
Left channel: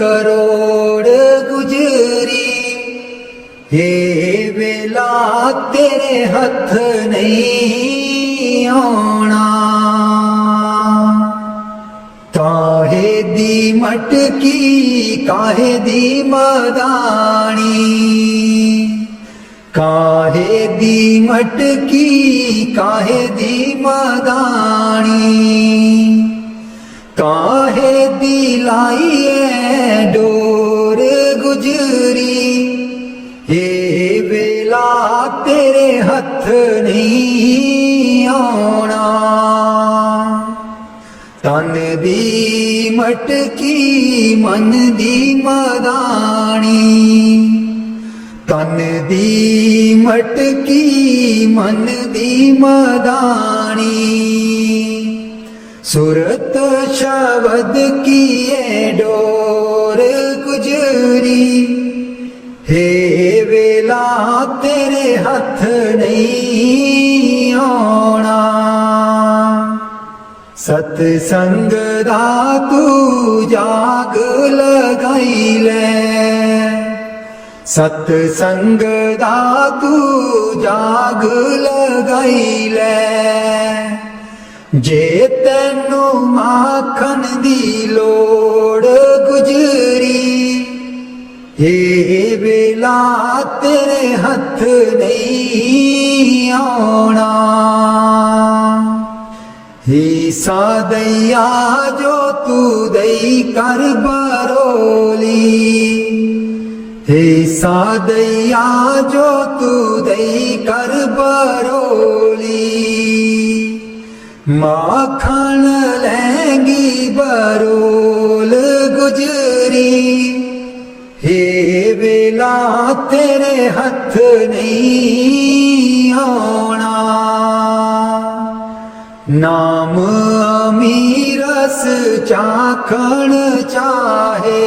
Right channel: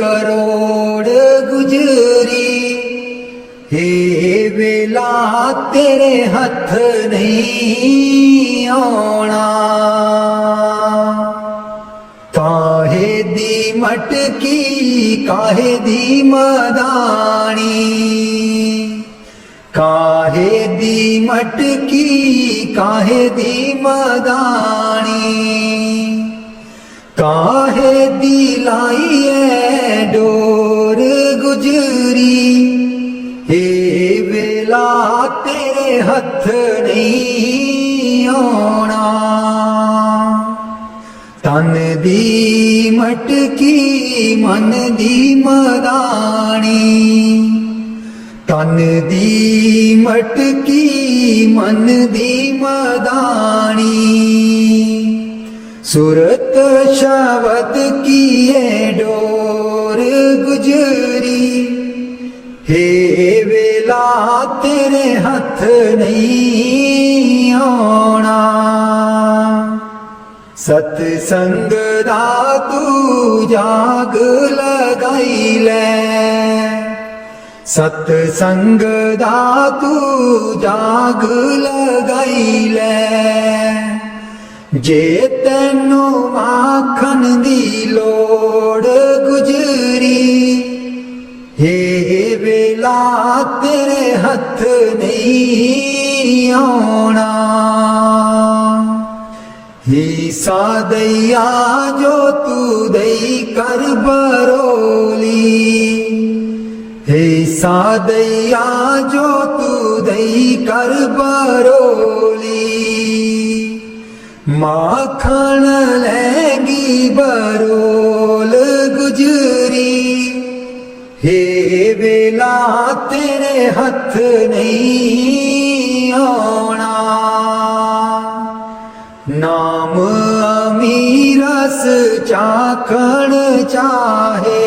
ਕਰੋੜ ਗੁਜਰੀ ਹੇ ਵੇਲਾ ਤੇਰੇ ਹੱਥ ਨਹੀਂ ਆਉਣਾ ਕਾਹੇ ਦੀ ਮਟਕੀ ਕਾਹੇ ਦੀ ਮਦਾਣੀ ਕਾਹੇ ਦੀ ਮਟਕੀ ਕਾਹੇ ਦੀ ਮਦਾਣੀ ਕਾਹੇ ਦੀ ਲਾਈ ਐ ਡੋਰ ਗੁਜਰੀ ਹੇ ਵੇਲਾ ਤੇਰੇ ਹੱਥ ਨਹੀਂ ਆਉਣਾ ਤਨ ਦੀ ਮਟਕੀ ਮਨ ਦੀ ਮਦਾਣੀ ਤਨ ਦੀ ਮਟਕੀ ਮਨ ਦੀ ਮਦਾਣੀ ਸੁਰਤ ਸ਼ਬਦ ਕੀਏ ਡੋਰ ਗੁਜਰੀ ਹੇ ਵੇਲਾ ਤੇਰੇ ਹੱਥ ਨਹੀਂ ਆਉਣਾ ਸਤ ਸੰਗ ਦਾ ਤੂੰ ਜਾਗ ਲਗਾਈ ਲੈ ਸਤ ਸੰਗ ਦਾ ਤੂੰ ਜਾਗ ਲਗਾਈ ਲੈ ਜੇ ਤੈਨੂੰ ਮਾਖਣ ਦੀ ਲੋੜ ਗੁਜਰੀ ਹੇ ਵੇਲਾ ਤੇਰੇ ਹੱਥ ਨਹੀਂ ਆਉਣਾ ਈਸਾ ਦਇਆ ਜੋ ਤੂੰ ਦਈ ਕਰ ਬਰੋਲੀ ਈਸਾ ਦਇਆ ਜੋ ਤੂੰ ਦਈ ਕਰ ਬਰੋਲੀ ਮਾਖਣ ਲੈਗੀ ਬਰੋਲ ਗੁਜਰੀ ਹੇ ਵੇਲਾ ਤੇਰੇ ਹੱਥ ਨਹੀਂ ਆਉਣਾ ਨਾਮ ਅਮੀਰਸ ਚਾਖਣ ਚਾਹੇ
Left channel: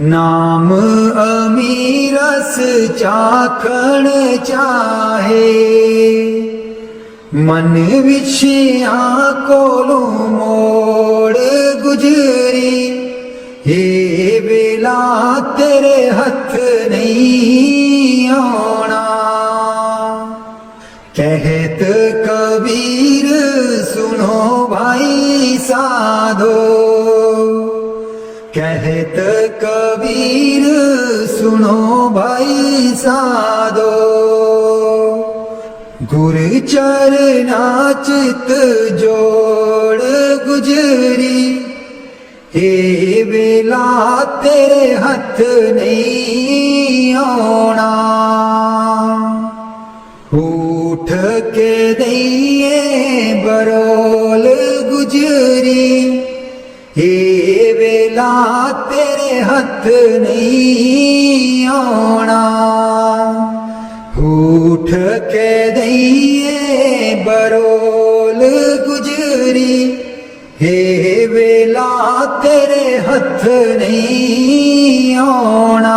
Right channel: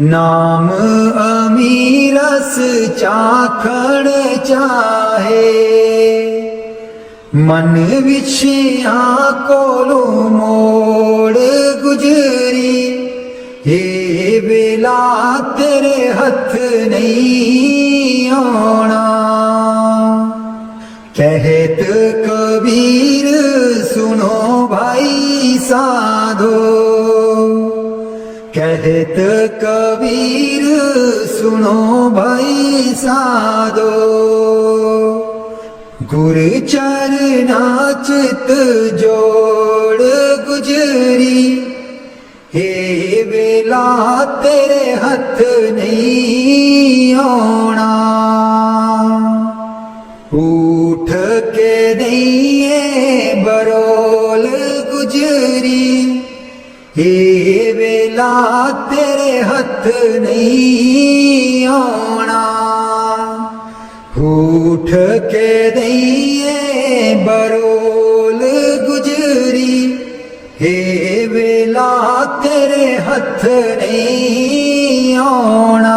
ਨਾਮ ਅਮੀਰਸ ਚਾਖਣ ਚਾਹੇ ਮਨ ਵਿਛਿਆ ਕੋਲੋਂ ਮੋੜ ਗੁਜਰੀ ਹੇ ਵੇਲਾ ਤੇਰੇ ਹੱਥ ਨਹੀਂ ਆਉਣਾ कहत कबीर सुनो भाई साधो कहत कबीर सुनो भाई साधो गुर चरना चित जोड़ गुजरी हे वेला तेरे हथ नहीं आउणा उठ के दईए बरोल गुजरी हे वेला तेरे हथ नहीं आउणा उठ के दईए बरोल गुजरी हे वेला तेरे हथ नहीं आउणा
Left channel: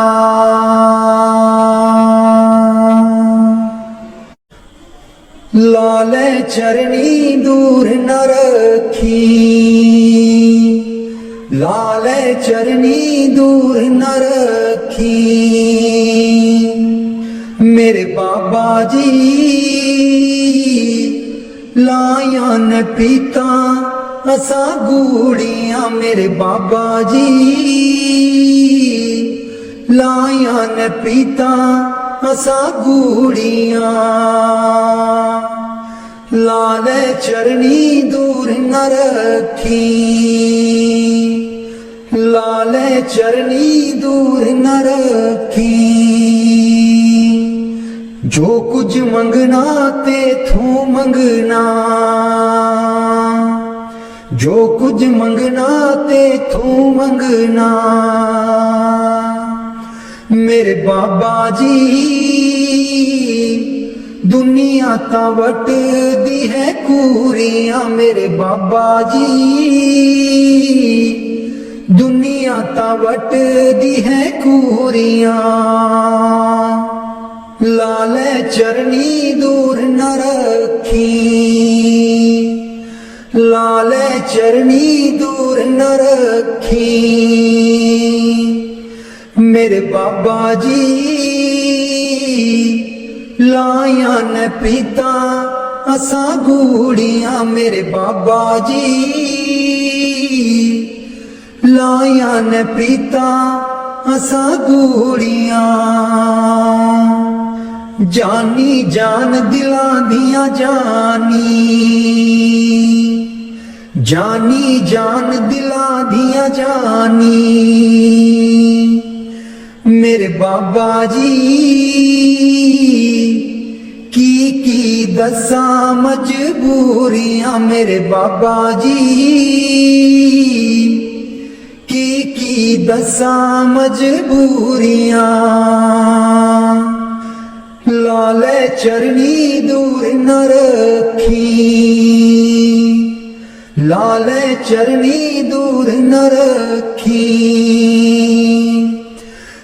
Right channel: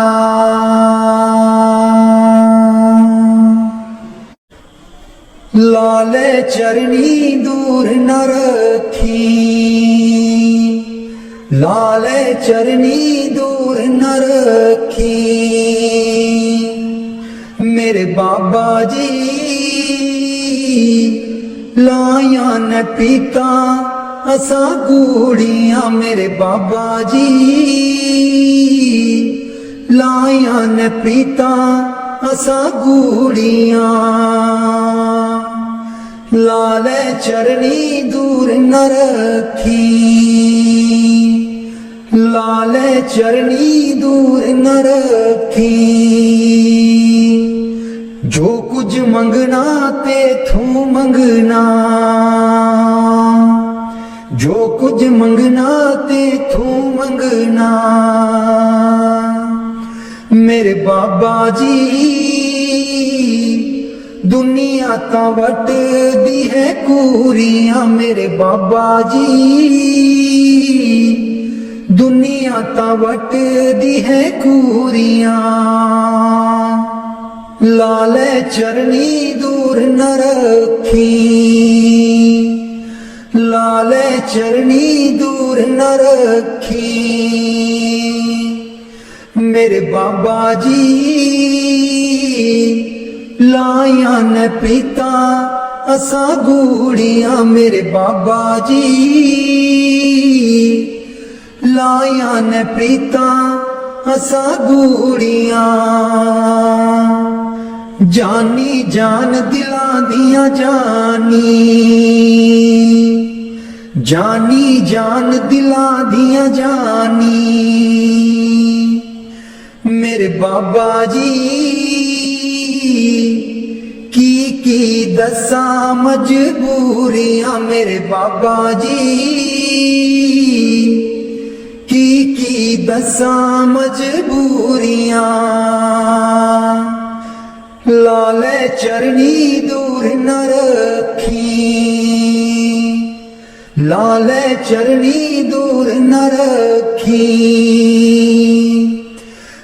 लाले चरनी दूर न रखी लाले चरनी दूर न रखी मेरे बाबा जी लाया न पीता असा गूड़ियां मेरे बाबा जी लाया न पीता असा गूड़ियां ਲਾਲੇ ਚਰਨੀ ਦੂਰ ਨ ਰੱਖੀ, ਲਾਲੇ ਚਰਨੀ ਦੂਰ ਨ ਰੱਖੀ। ਜੋ ਕੁਝ ਮੰਗਣਾ ਤੇਥੋਂ ਮੰਗਣਾ, ਜੋ ਕੁਝ ਮੰਗਣਾ ਤੇਥੋਂ ਮੰਗਣਾ। ਮੇਰੇ ਬਾਬਾ ਜੀ ਦੁਨੀਆ ਤਾਂ ਵੱਟਦੀ ਹੈ ਕੂਰੀਆਂ, ਮੇਰੇ ਬਾਬਾ ਜੀ ਦੁਨੀਆ ਤਾਂ ਵੱਟਦੀ ਹੈ ਕੂਰੀਆਂ। ਲਾਲੇ ਚਰਨੀ ਦੂਰ ਨ ਰੱਖੀ, ਲਾਲੇ ਚਰਨੀ ਦੂਰ ਨ ਰੱਖੀ। ਮੇਰੇ ਬਾਬਾ ਜੀ ਲਾਇਆ ਨ ਪ੍ਰੀਤਾ ਅਸਾਂ ਗੂੜੀਆਂ, ਮੇਰੇ ਬਾਬਾ ਜੀ ਲਾਇਆ ਨ ਪ੍ਰੀਤਾ ਅਸਾਂ ਗੂੜੀਆਂ। ਜਾਨੀ ਜਾਨ ਦਿਲਾਂ ਦੀਆਂ ਜਾਨੀ, ਜਾਨੀ ਜਾਨ ਦਿਲਾਂ ਦੀਆਂ ਜਾਨੀ। ਮੇਰੇ ਬਾਬਾ ਜੀ ਕੀ ਦੱਸਾਂ ਮਜਬੂਰੀਆਂ, ਮੇਰੇ ਬਾਬਾ ਜੀ ਕੀ ਦੱਸਾਂ ਮਜਬੂਰੀਆਂ। ਲਾਲੇ ਚਰਨੀ ਦੂਰ ਨ ਰੱਖੀ, ਲਾਲੇ ਚਰਨੀ ਦੂਰ ਨ ਰੱਖੀ।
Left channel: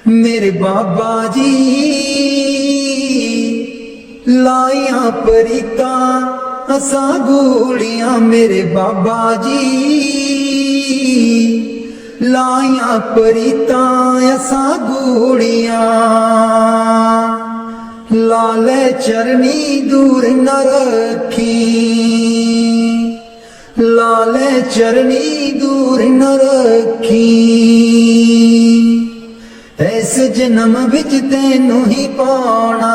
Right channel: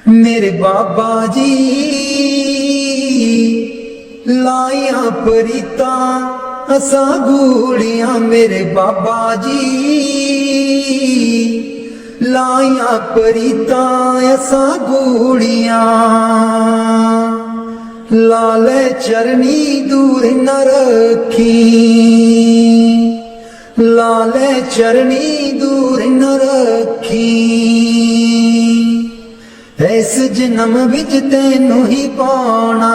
ਮੇਰੇ ਬਾਬਾ ਜੀ ਲਾਇਆ ਪ੍ਰੀਤਾ ਅਸਾਂ ਗੂੜੀਆਂ, ਮੇਰੇ ਬਾਬਾ ਜੀ ਲਾਇਆ ਪ੍ਰੀਤਾ ਅਸਾਂ ਗੂੜੀਆਂ। ਲਾਲੇ ਚਰਨੀ ਦੂਰ ਨ ਰੱਖੀ, ਲਾਲੇ ਚਰਨੀ ਦੂਰ ਨ ਰੱਖੀ। ਇਸ ਜਨਮ ਵਿੱਚ ਤੈਨੂੰ ਹੀ ਪਾਉਣਾ,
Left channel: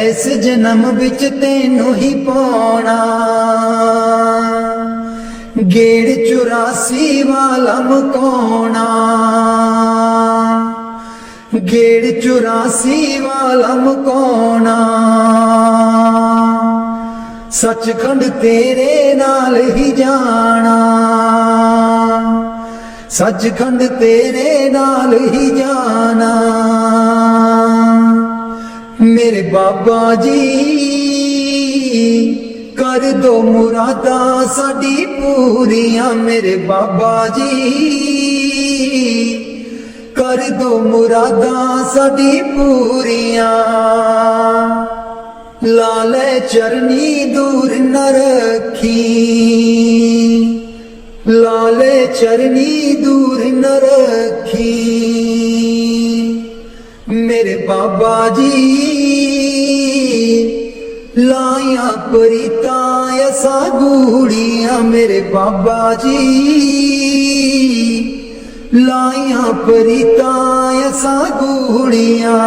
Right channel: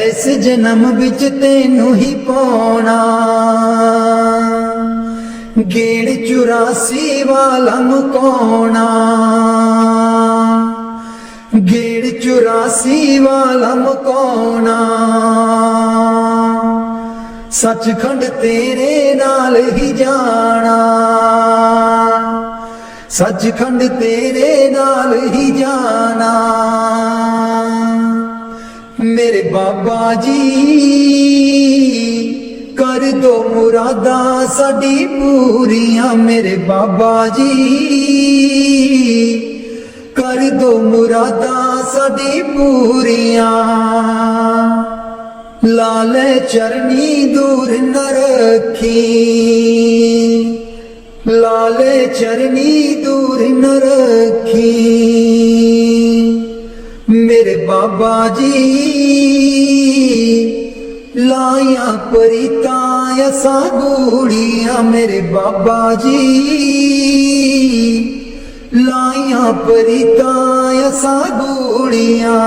ਇਸ ਜਨਮ ਵਿੱਚ ਤੈਨੂੰ ਹੀ ਪਾਉਣਾ। ਗੇੜ 84 ਵਾਲਾ ਮੁਕਾਉਣਾ, ਗੇੜ 84 ਵਾਲਾ ਮੁਕਾਉਣਾ। ਸੱਚਖੰਡ ਤੇਰੇ ਨਾਲ ਹੀ ਜਾਣਾ, ਸੱਚਖੰਡ ਤੇਰੇ ਨਾਲ ਹੀ ਜਾਣਾ। ਮੇਰੇ ਬਾਬਾ ਜੀ ਕਰ ਦੋ ਮੁਰਾਦਾਂ ਸਾਡੀ ਪੂਰੀਆਂ, ਮੇਰੇ ਬਾਬਾ ਜੀ ਕਰ ਦੋ ਮੁਰਾਦਾਂ ਸਾਡੀ ਪੂਰੀਆਂ। ਲਾਲੇ ਚਰਨੀ ਦੂਰ ਨ ਰੱਖੀ, ਲਾਲੇ ਚਰਨੀ ਦੂਰ ਨ ਰੱਖੀ। ਮੇਰੇ ਬਾਬਾ ਜੀ ਲਾਇਆ ਪ੍ਰੀਤਾ ਅਸਾਂ ਗੂੜੀਆਂ, ਮੇਰੇ ਬਾਬਾ ਜੀ ਲਾਇਆ ਪ੍ਰੀਤਾ ਅਸਾਂ ਗੂੜੀਆਂ।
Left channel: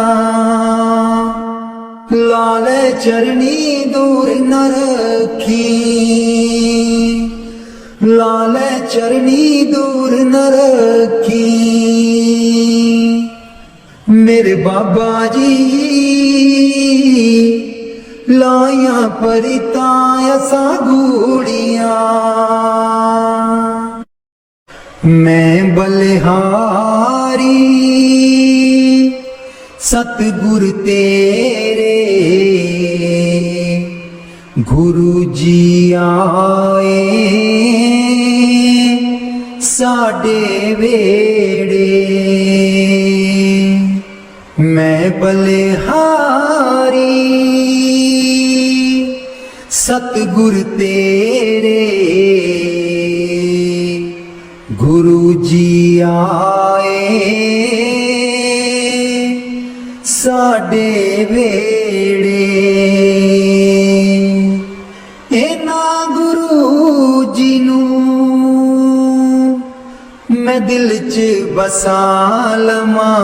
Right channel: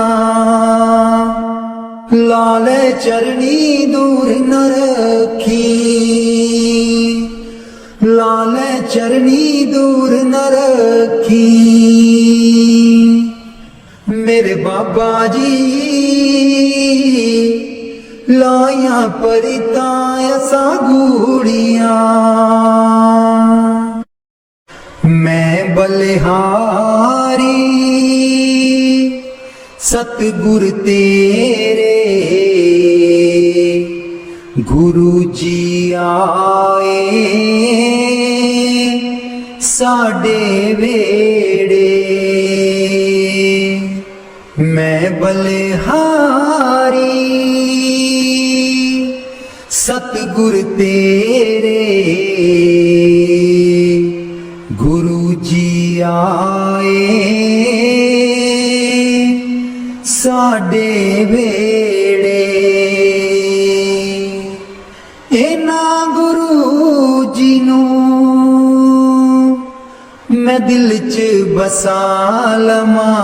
ਲਾਲੇ ਚਰਨੀ ਦੂਰ ਨ ਰੱਖੀ, ਲਾਲੇ ਚਰਨੀ ਦੂਰ ਨ ਰੱਖੀ। ਮੇਰੇ ਬਾਬਾ ਜੀ ਲਾਇਆ ਪ੍ਰੀਤਾ ਅਸਾਂ ਗੂੜੀਆਂ। ਮੈਂ ਬਲਿਹਾਰੀ ਸਤਿਗੁਰ ਤੇਰੇ, ਗੁਰੂ ਜੀ ਆਏ ਸਾਡੇ ਵੇੜੇ। ਮੈਂ ਬਲਿਹਾਰੀ ਸਤਿਗੁਰ ਤੇਰੇ, ਗੁਰੂ ਜੀ ਆਏ ਸਾਡੇ ਵੇੜੇ। ਇਹਨਾਂ ਗੁਰੂ ਜੀ ਨੂੰ ਮੈਂ ਦਿਲ 'ਚ ਬਸਾ ਲਵਾਂ,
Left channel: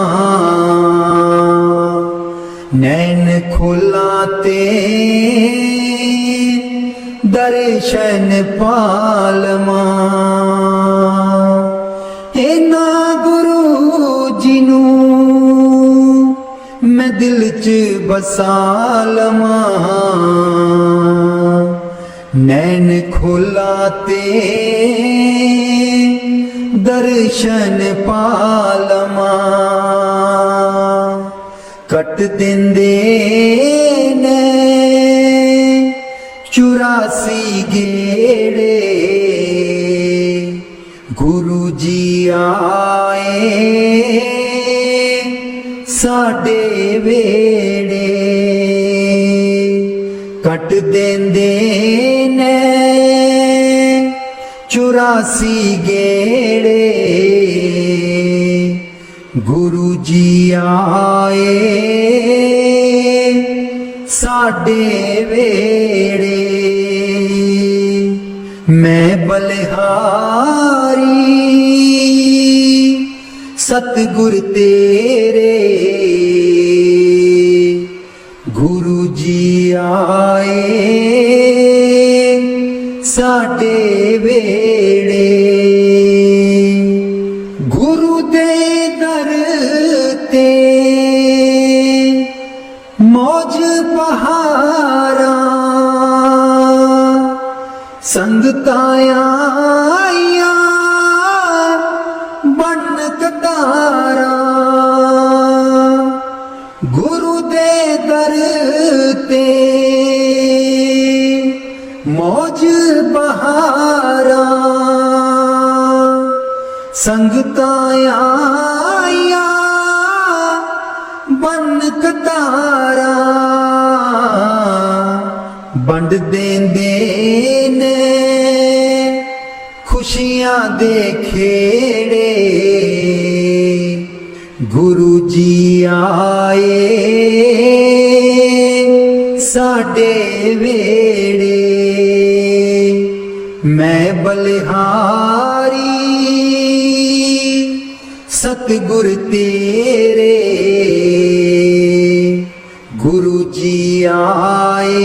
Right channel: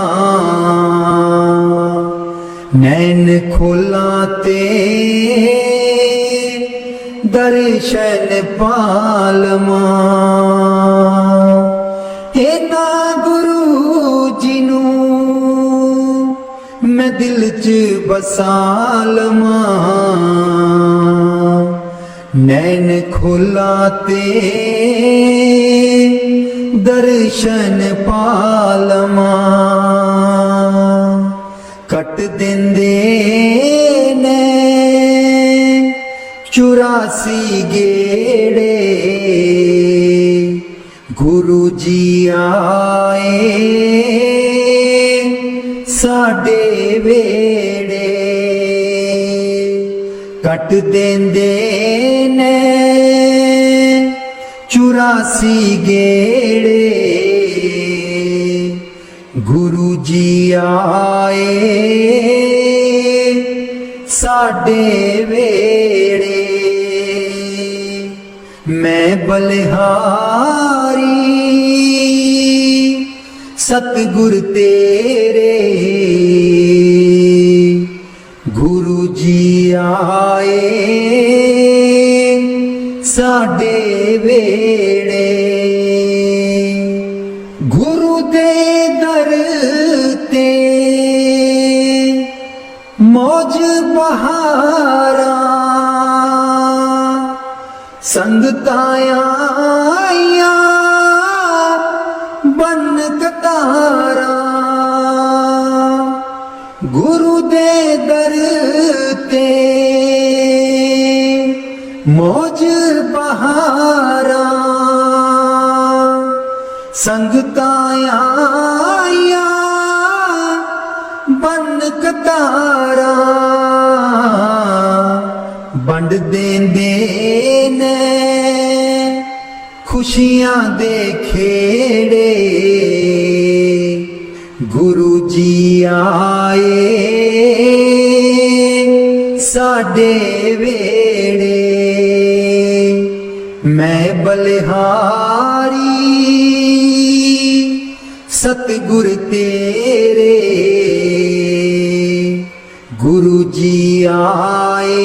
नैन खोलाते दर्शन पालमा इना गुरु जी नूं मैं दिल च बसा लवां नैन खोलाते दर्शन पालमा कट देंदे ने 84 गेड़े गुरु जी आए साडे वेड़े कट देंदे ने 84 गेड़े गुरु जी आए साडे वेड़े मैं बलिहारी सतगुर तेरे गुरु जी आए साडे वेड़े गुरु दे दर ते मौज बहारा संगताया बन कतारा गुरु दे दर ते मौज बहारा संगताया बन कतारा बंड देंदे ने खुशियां दे खेड़े गुरु जी आए साडे वेड़े मैं बलिहारी सतगुर तेरे गुरु जी आए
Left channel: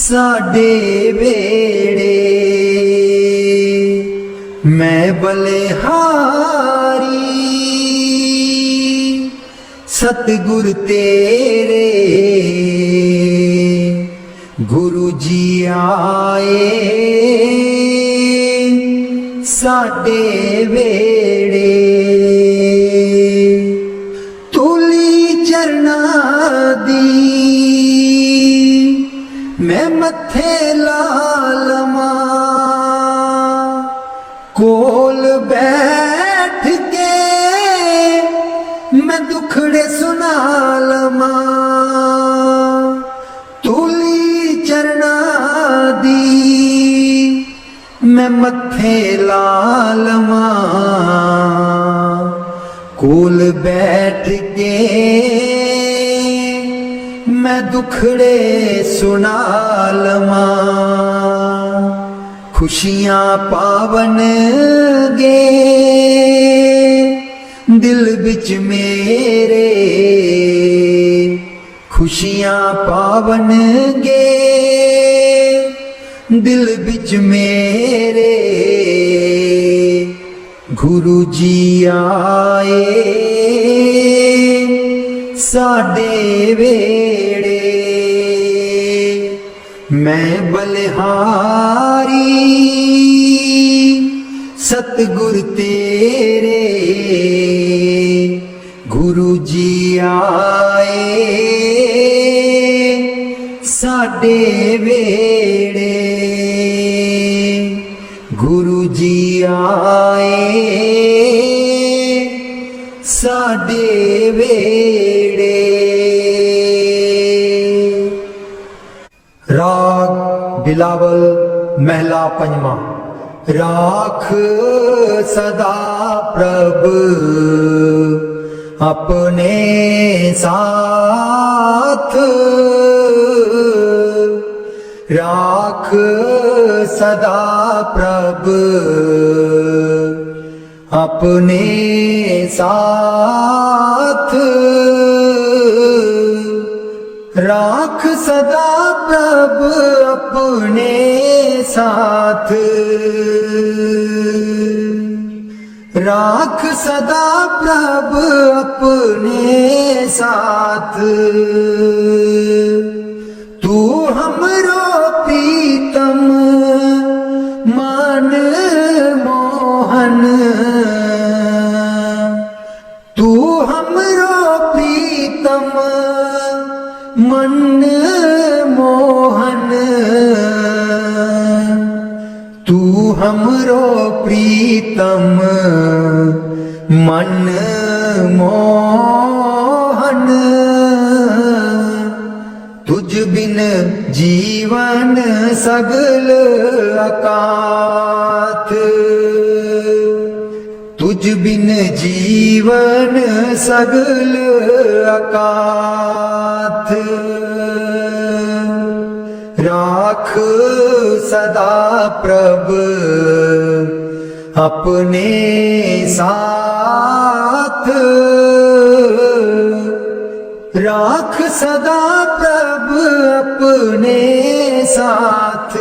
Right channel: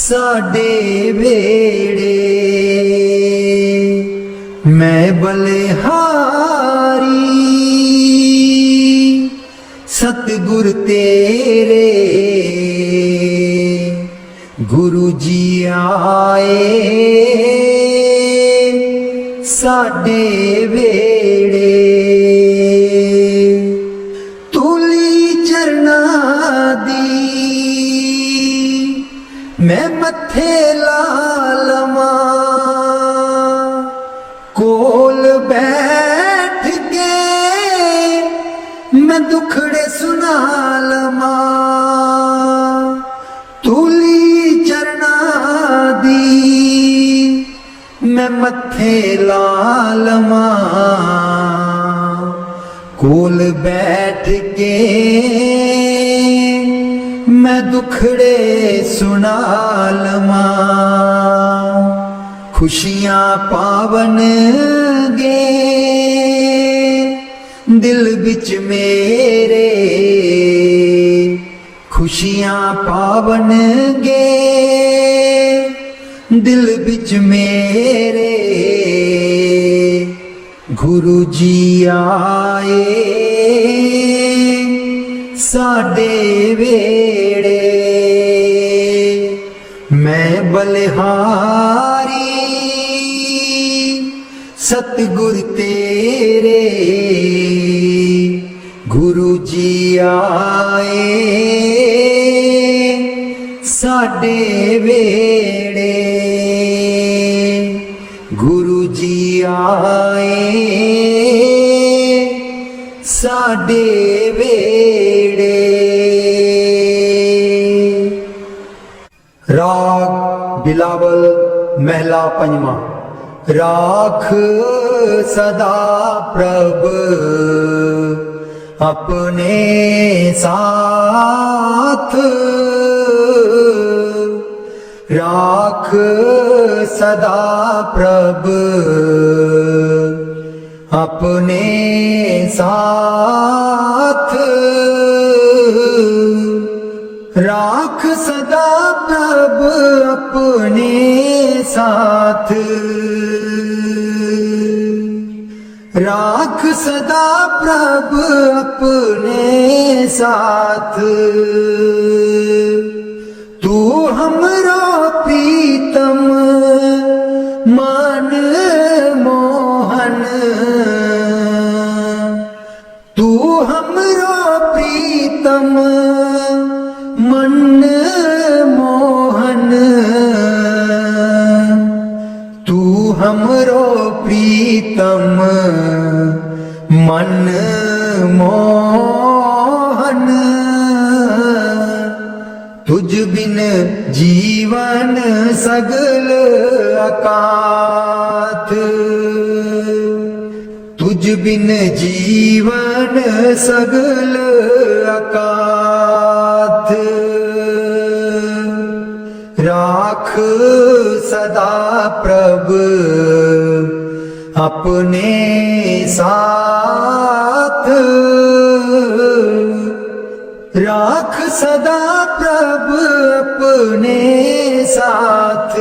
साडे वेड़े मैं बलिहारी सतगुर तेरे गुरु जी आए साडे वेड़े तूली चरना दी मैं मथे ला लवां कोल बैठ के मैं दुखड़े सुना लवां तूली चरना दी मैं मथे ला लवां कोल बैठ के मैं दुखड़े सुना लवां खुशियां पावन गे दिल बिच मेरे खुशियां पावन गे दिल बिच मेरे गुरु जी आए साडे वेड़े मैं बलिहारी सतगुर तेरे गुरु जी आए साडे वेड़े गुरु जी आए साडे वेड़े राग बिलावल महला पंजवा राख सदा प्रभ अपने साथ राख सदा प्रभ अपने साथ राख सदा प्रभु अपने साथ, राख सदा प्रभु अपने साथ। तू हमरो प्रीतम मन मोहन, तू हमरो प्रीतम मन मोहन, तू हमरो प्रीतम मन मोहन। तुझ बिन जीवन सगल अकाथ, तुझ बिन जीवन सगल अकाथ। राख सदा प्रभु अपने साथ, राख सदा प्रभु अपने साथ।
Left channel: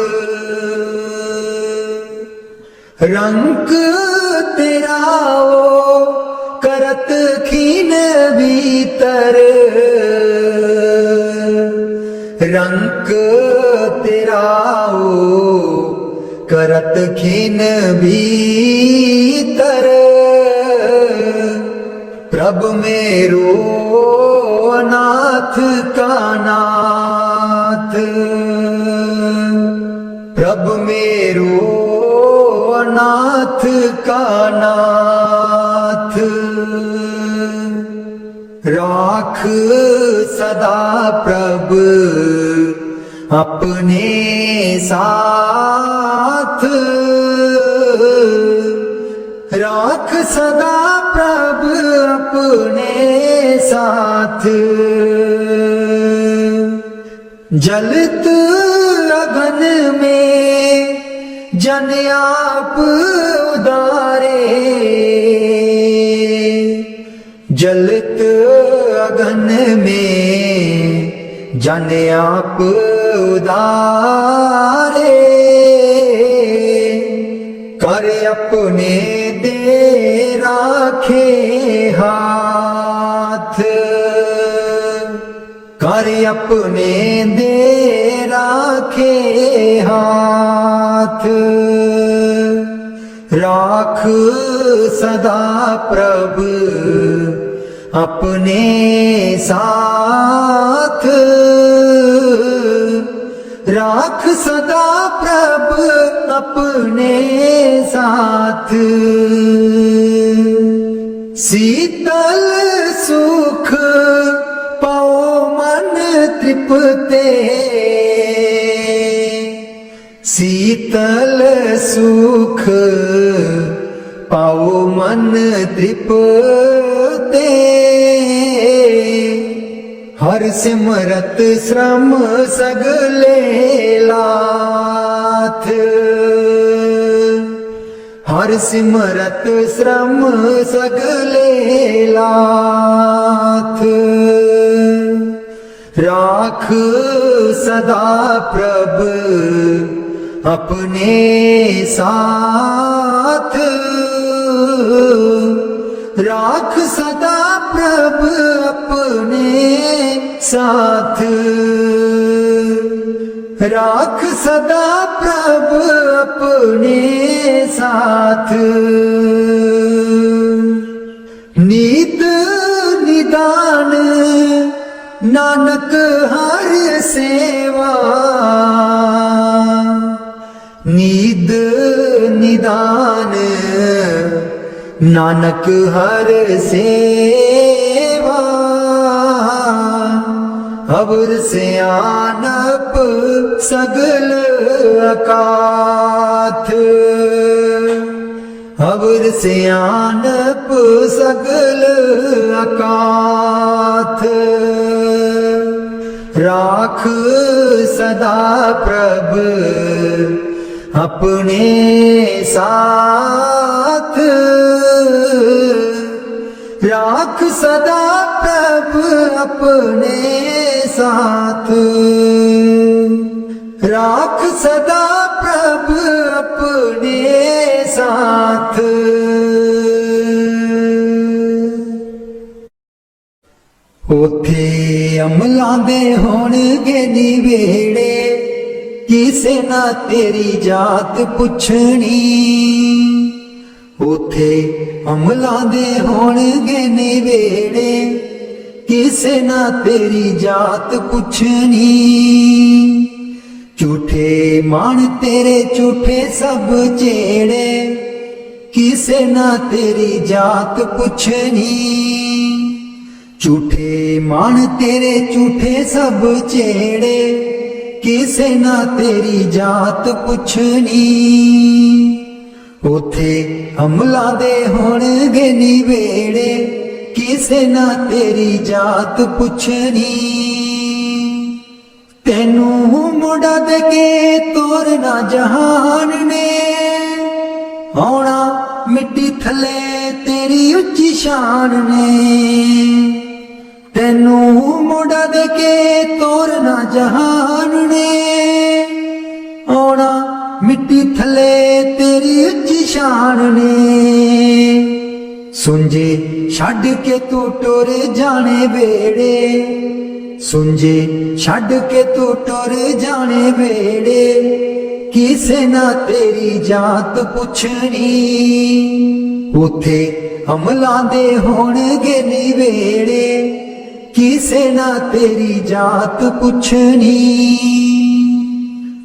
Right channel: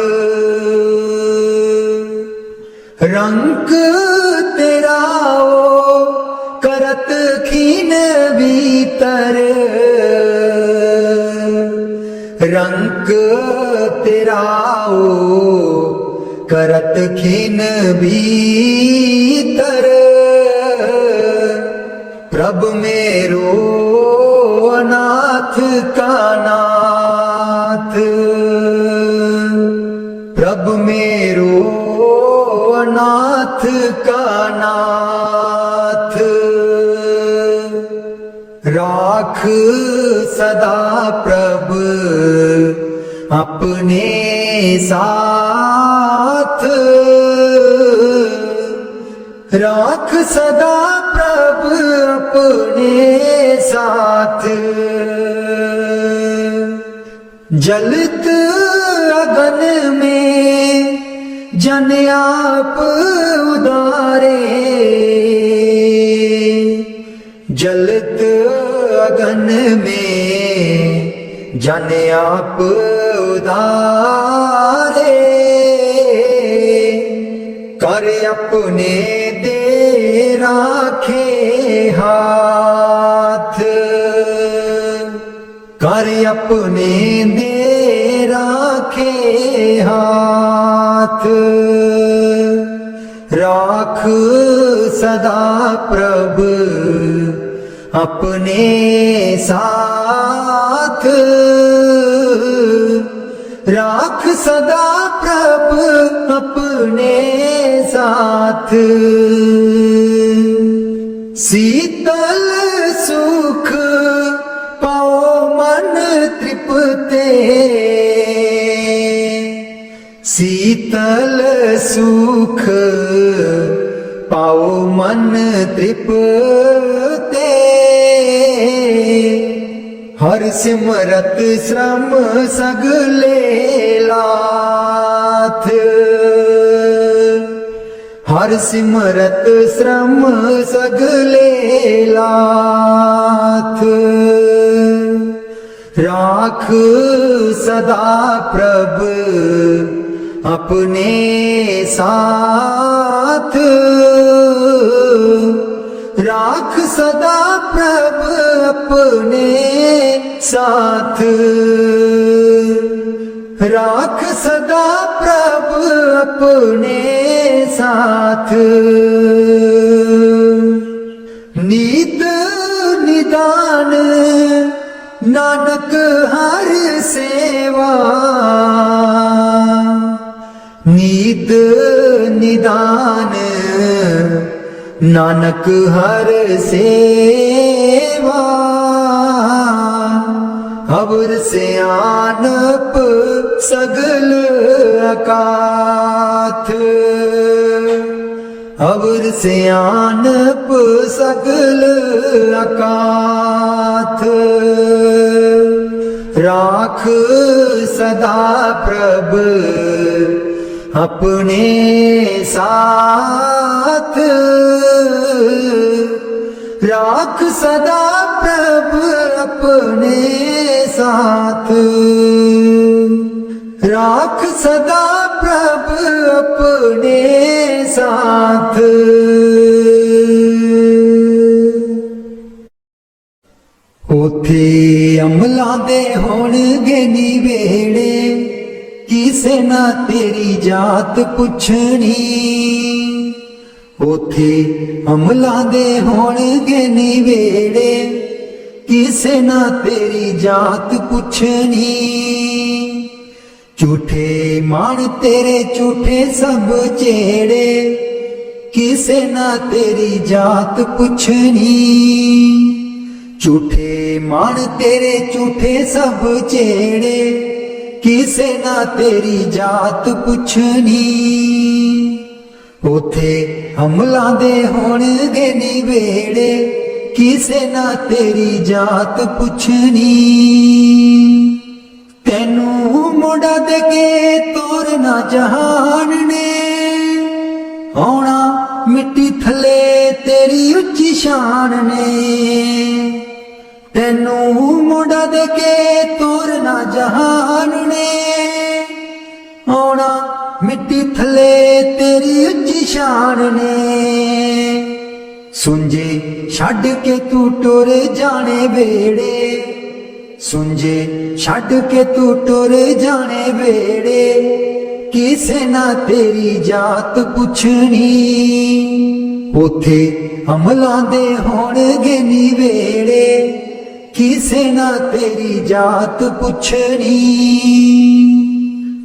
रंग तेरा ओ करत खीन भीतर, रंग तेरा ओ करत खीन भीतर। प्रभु मेरो अनाथ का नाथ, प्रभु मेरो अनाथ का नाथ। राख सदा प्रभु अपने साथ, राख सदा प्रभु अपने साथ। जलत अगन में जन आप उदारे, जलत अगन में जन आप उदारे। कर अपने दे राखे हाथ, कर अपने दे राखे हाथ। राख सदा प्रभु अपने साथ, राख सदा प्रभु अपने साथ। शीतल सुख पाओ मन तृप्ते, शीतल सुख पाओ मन तृप्ते। हर सिमरत श्रम सगले लाथ, हर सिमरत श्रम सगले लाथ। राख सदा प्रभु अपने साथ, राख सदा प्रभु अपने साथ। राख सदा प्रभु अपने साथ। नीत निदान नानक हर सेवा, नीद निदान नानक हर सेवा। अवर से आनप सगल अकाथ, अवर से आनप सगल अकाथ। राख सदा प्रभु अपने साथ, राख सदा प्रभ अपने साथ, राख सदा प्रभ अपने साथ। उथे अमलां दे होणगे नी वेड़े, किसे ना तेरी जात पुछनी। उथे अमलां दे होणगे नी वेड़े, किसे ना तेरी जात पुछनी। झूठे मान तेरे झूठे सब चेड़े, किसे ना तेरी जात पुछनी। झूठे मान तेरे झूठे सब चेड़े, किसे ना तेरी जात पुछनी। उथे अमलां दे होणगे नी वेड़े, किसे ना तेरी जात पुछनी। तेनू मोड़ा दे के तोरना जहान ने, आउणा मिट्टी थले तेरी उच्ची शान ने। तेनू मोड़ा दे के तोरना जहान ने, आउणा मिट्टी थले तेरी उच्ची शान ने। सुंजे छड्ड के तू टुर जाने वेड़े, सुंजे छड्ड के तू टुर जाने वेड़े, किसे ना तेरी जात पुछनी। उथे अमलां दे होणगे नी वेड़े, किसे ना तेरी जात पुछनी।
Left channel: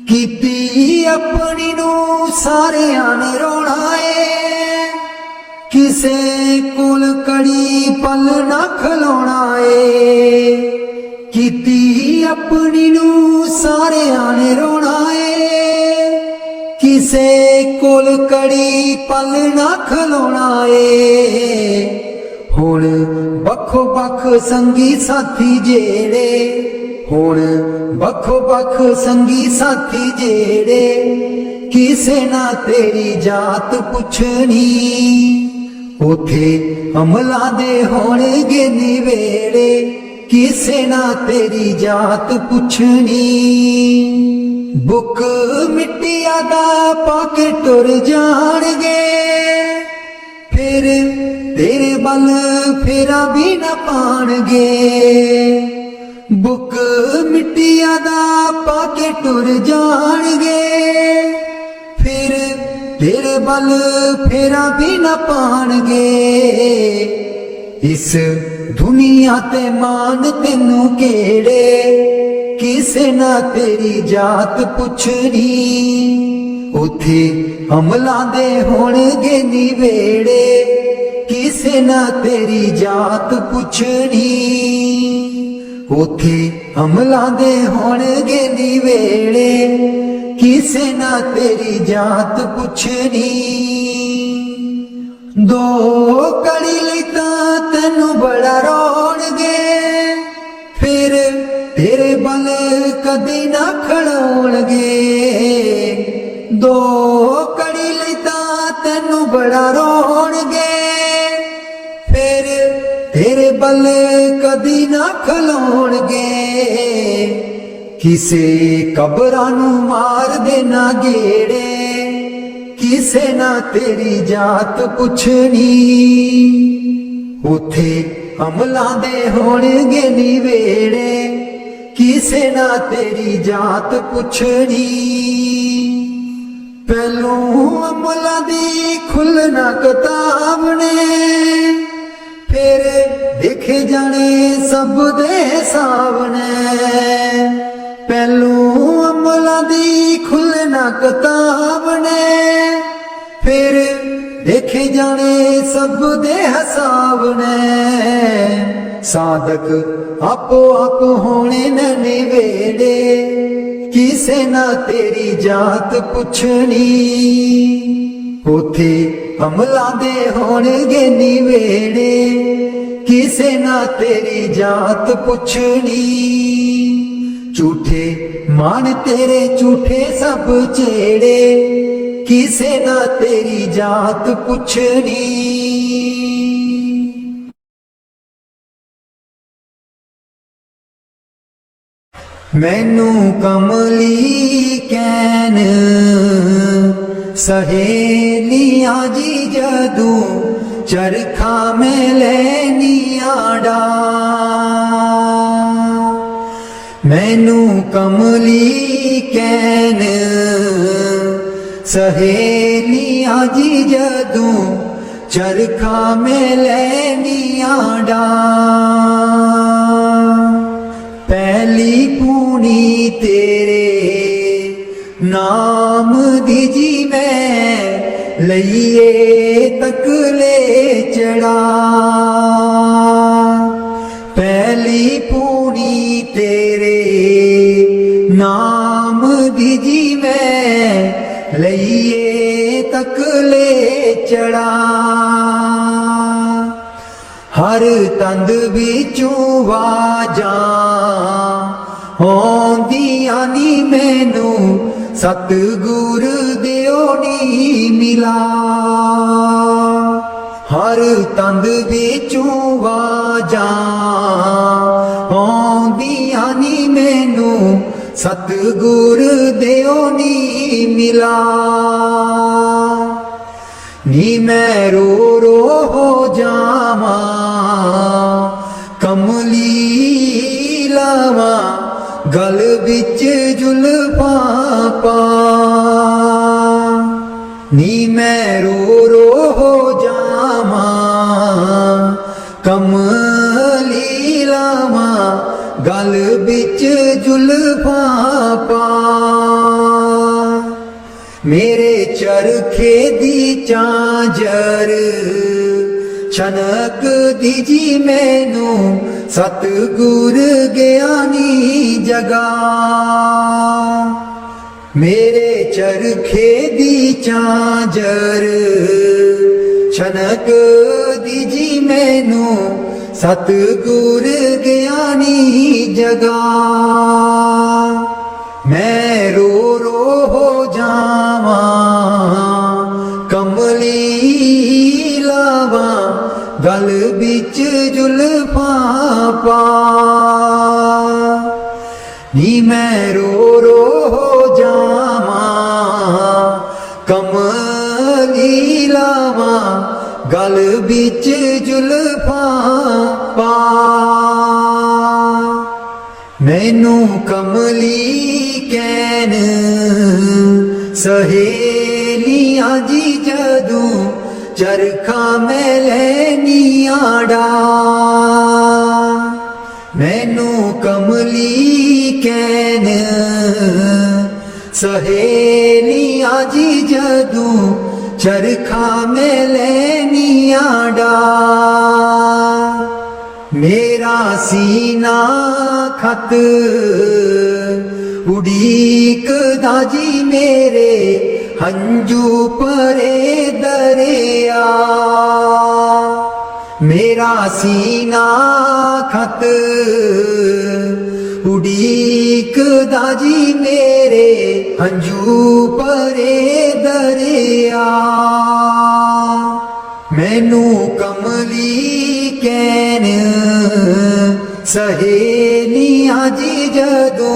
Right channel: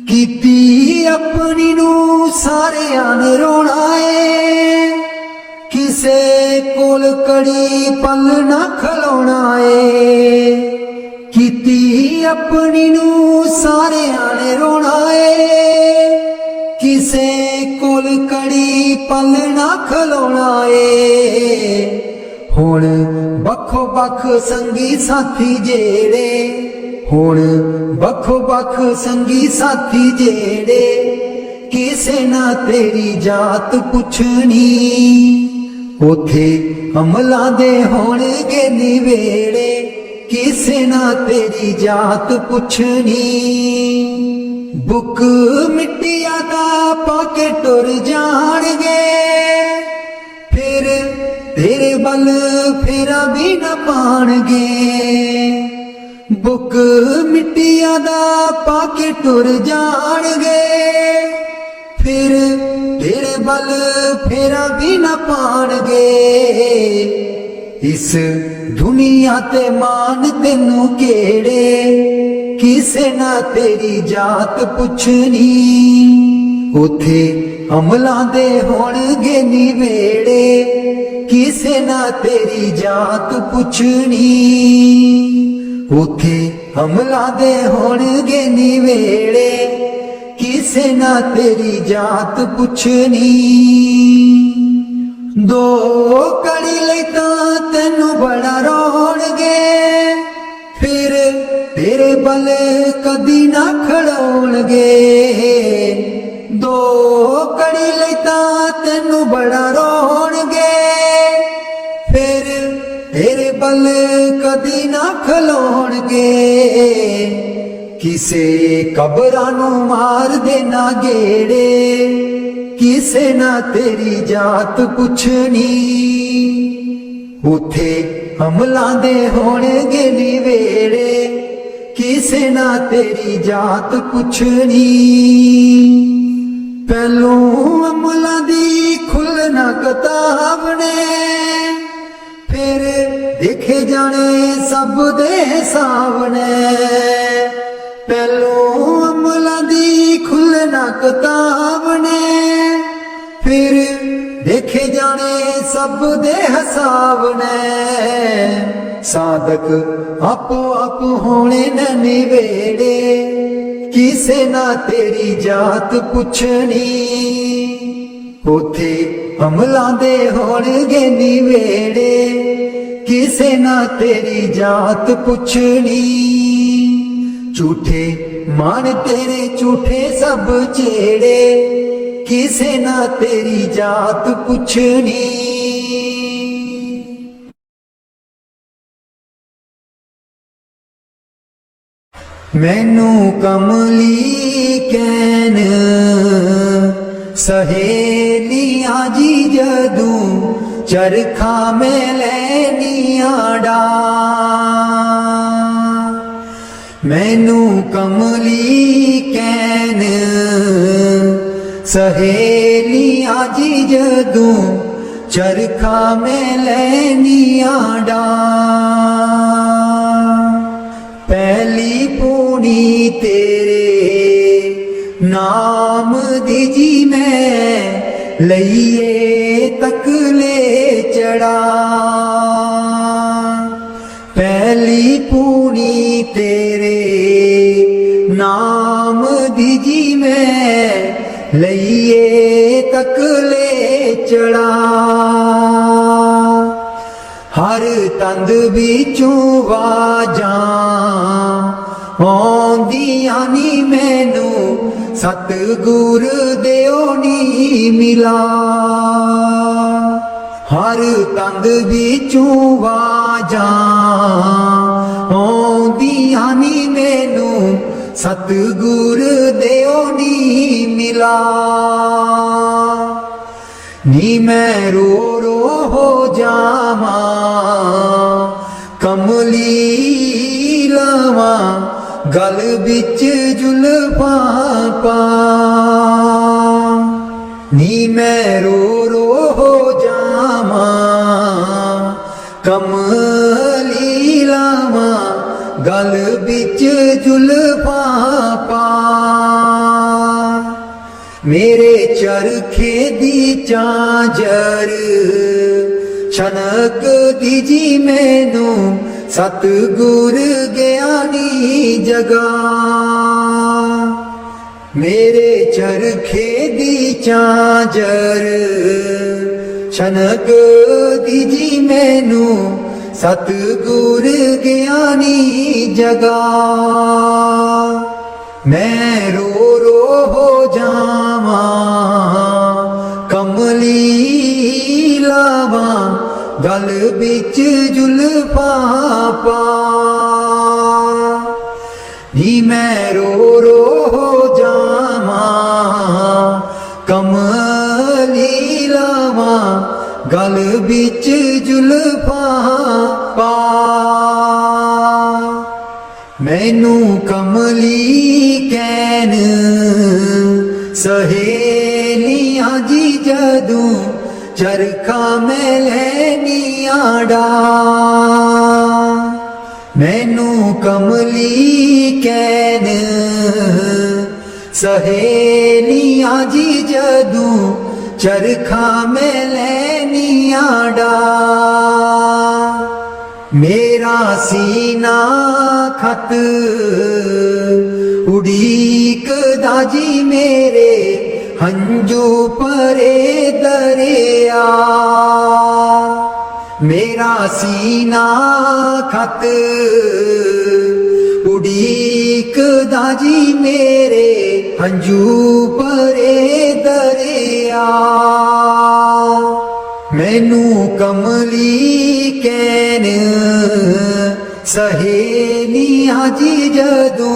कीती अपनी नू सारियां ने रोना है, किसे कोल कड़ी पल ना खलोना है। कीती अपनी नू सारियां ने रोना है, किसे कोल कड़ी पल ना खलोना है। हुण बखो बख संगी साथी जेड़े, हुण बखो बख संगी साथी जेड़े, किसे ना तेरी जात पुछनी। उथे अमलां दे होणगे नी वेड़े, किसे ना तेरी जात पुछनी। बुक मिट्टिया दा पाके टुर जाणगे, फिर तेरे बल फेरा भी न पाणगे। बुक मिट्टिया दा पाके टुर जाणगे, फिर तेरे बल फेरा भी न पाणगे। इस दुनिया ते मान तेनू केड़े, किसे ना तेरी जात पुछनी। उथे अमलां दे होणगे नी वेड़े, किसे ना तेरी जात पुछनी। उथे अमलां दे होणगे नी वेड़े, किसे ना तेरी जात पुछनी। दो कड़ी लई तां तैनू बड़ा रोणगे, फिर तेरे बल कदी ना खड़ोणगे। दो कड़ी लई तां तैनू बड़ा रोणगे, फिर तेरे बल कदी ना खलोणगे। किसे कबरां नू मार देना गेड़े, किसे ना तेरी जात पुछनी। उथे अमलां दे होणगे नी वेड़े, किसे ना तेरी जात पुछनी। पहलू अमलां दी खुलना किताब ने, फिर देखे जाने सब दे हिसाब ने। पहलू अमलां दी खुलना किताब ने, फिर देखे जाने सब दे हिसाब ने। साधक आपो आप होने नी वेड़े, किसे ना तेरी जात पुछनी। उथे अमलां दे होणगे नी वेड़े, किसे ना तेरी जात पुछनी। झूठे मान तेरे झूठे सब चेड़े, किसे ना तेरी जात पुछनी। मैनू कमली कैन सहेलियां जी जदू चरखा में लैनियां डा मैनू कमली कैन सहेलियां जी जदू चरखा में लैनियां डा पहली पूनी तेरे नाम दी जी मैं लइए तकले चढ़ा पहली पूनी तेरे नाम दी जी मैं लइए तकले चढ़ा हर तंद बिचू वाजा आउंदियां नी मैनू सतगुर दिओ नी मिला हर तंद बिचू वाजा आउंदियां नी मैनू सतगुर दिओ नी मिला नी मैं रो रो हो जावा कमली लावा गल बिच जुल्फा पा नी मैं रो रो हो जावा कमली लावा गल बिच जुल्फा पा मेरे चरखे दी चांजर छनक दीजी मैनू सतगुर ज्ञानी जगा मेरे चरखे दी चांजर छनक दीजी मैनू सतगुर ज्ञानी जगा मैं रो रो हो जावा कमली लावा गल बिच जुल्फा पा नी मैं रो रो हो जावा कमली लावा गल बिच जुल्फा पा मैनू कमली कैन सहेलियां जी जदू चरखा में लैनियां डा मैनू कमली कैन सहेलियां जी जदू चरखा में लैनियां डा मेरा सीना खत उड़ीक दाजी मेरे हंजू परे दरिया मेरा सीना खत उड़ीक दाजी मेरे हंजू परे दरिया मैनू कमली कैन सहेलियां जी जदू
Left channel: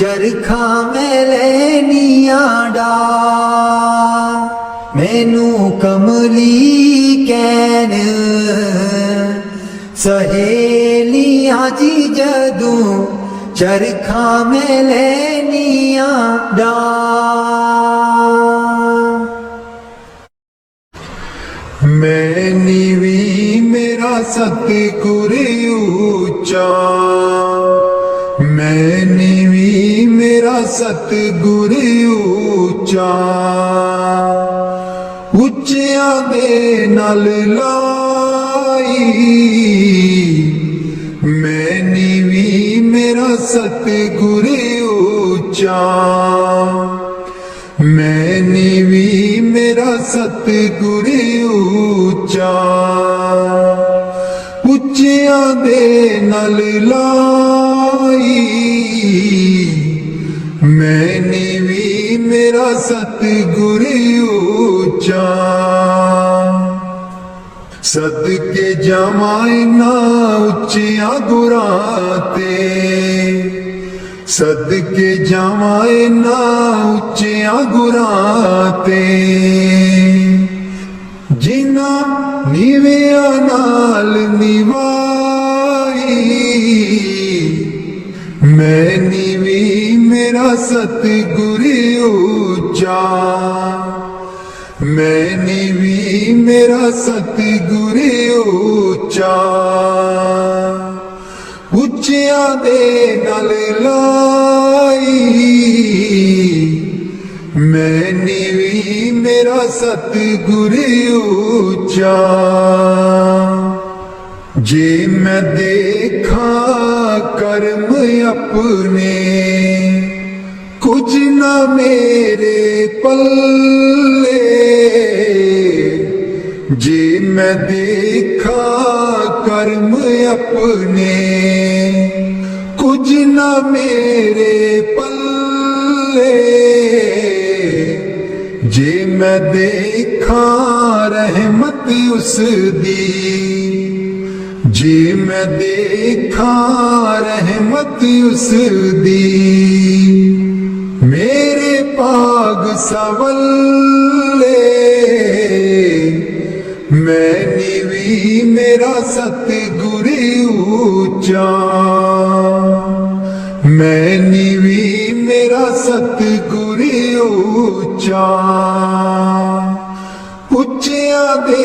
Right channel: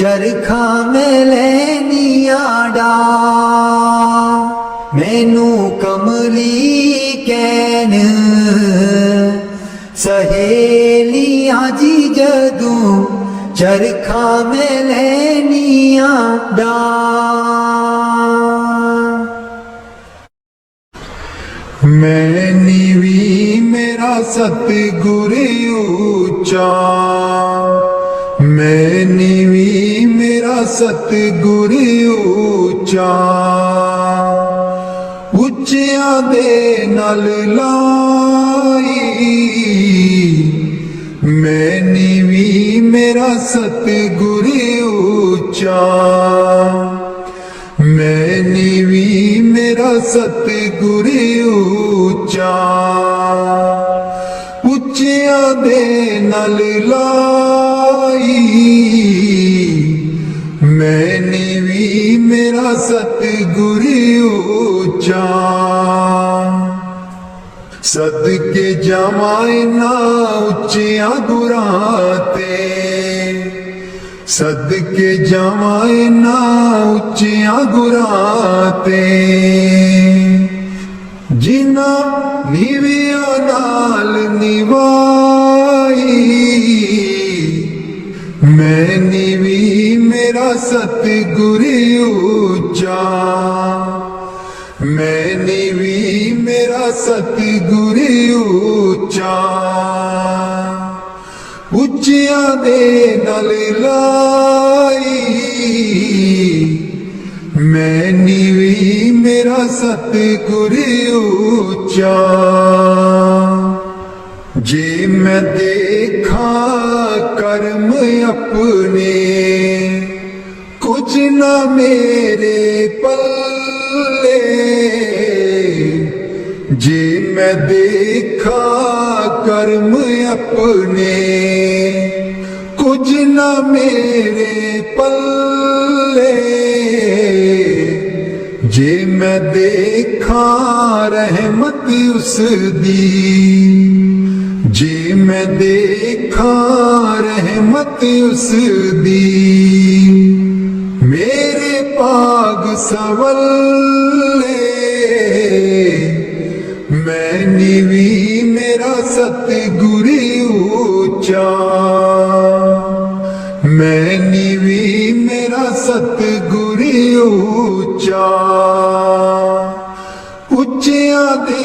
चरखा में लैनियां डा मैनू कमली कैन सहेलियां जी जदू चरखा में लैनियां डा मैं नीवी मेरा सतगुर ऊंचा मैं नीवी मेरा सतगुर ऊंचा ਉੱਚਿਆਂ ਦੇ ਨਾਲ ਲਾਈ ਮੈਂ ਨੀਵੀਂ ਮੇਰਾ ਸਤਿਗੁਰ ਉੱਚਾ ਮੈਂ ਨੀਵੀਂ ਮੇਰਾ ਸਤਿਗੁਰ ਉੱਚਾ ਉੱਚਿਆਂ ਦੇ ਨਾਲ ਲਾਈ ਮੈਂ ਨੀਵੀਂ ਮੇਰਾ ਸਤਿਗੁਰ ਉੱਚਾ ਸਦਕੇ ਜਾਵਾਂ ਨਾ ਉੱਚਿਆਂ ਗੁਰਾਂ ਤੇ ਸਦਕੇ ਜਾਵਾਂ ਇਹਨਾਂ ਉੱਚਿਆਂ ਗੁਰਾਂ ਤੇ ਜਿਨ੍ਹਾਂ ਨੀਵਿਆਂ ਨਾਲ ਨਿਵਾਈ ਮੈਂ ਨੀਵੀਂ ਮੇਰਾ ਸਤਿਗੁਰ ਉੱਚਾ ਮੈਂ ਨੀਵੀਂ ਮੇਰਾ ਸਤਿਗੁਰ ਉੱਚਾ ਉੱਚਿਆਂ ਦੇ ਨਾਲ ਲਾਈ ਮੈਂ ਨੀਵੀਂ ਮੇਰਾ ਸਤਿਗੁਰ ਉੱਚਾ ਜੇ ਮੈਂ ਦੇਖਾਂ ਕਰਮ ਆਪਣੇ ਕੁਝ ਨਾ ਮੇਰੇ ਪੱਲੇ ਜੇ ਮੈਂ ਦੇਖਾਂ ਕਰਮ ਆਪਣੇ ਕੁਝ ਨਾ ਮੇਰੇ ਪੱਲੇ ਜੇ ਮੈਂ ਦੇਖਾਂ ਰਹਿਮਤ ਉਸ ਦੀ ਜੇ ਮੈਂ ਦੇਖਾਂ ਰਹਿਮਤ ਉਸ ਦੀ ਮੇਰੇ ਭਾਗ ਸਵੱਲੇ ਮੈਂ ਨੀਵੀਂ ਮੇਰਾ ਸਤਿਗੁਰ ਉੱਚਾ ਮੈਂ ਨੀਵੀਂ ਮੇਰਾ ਸਤਿਗੁਰ ਉੱਚਾ ਉੱਚਿਆਂ ਦੇ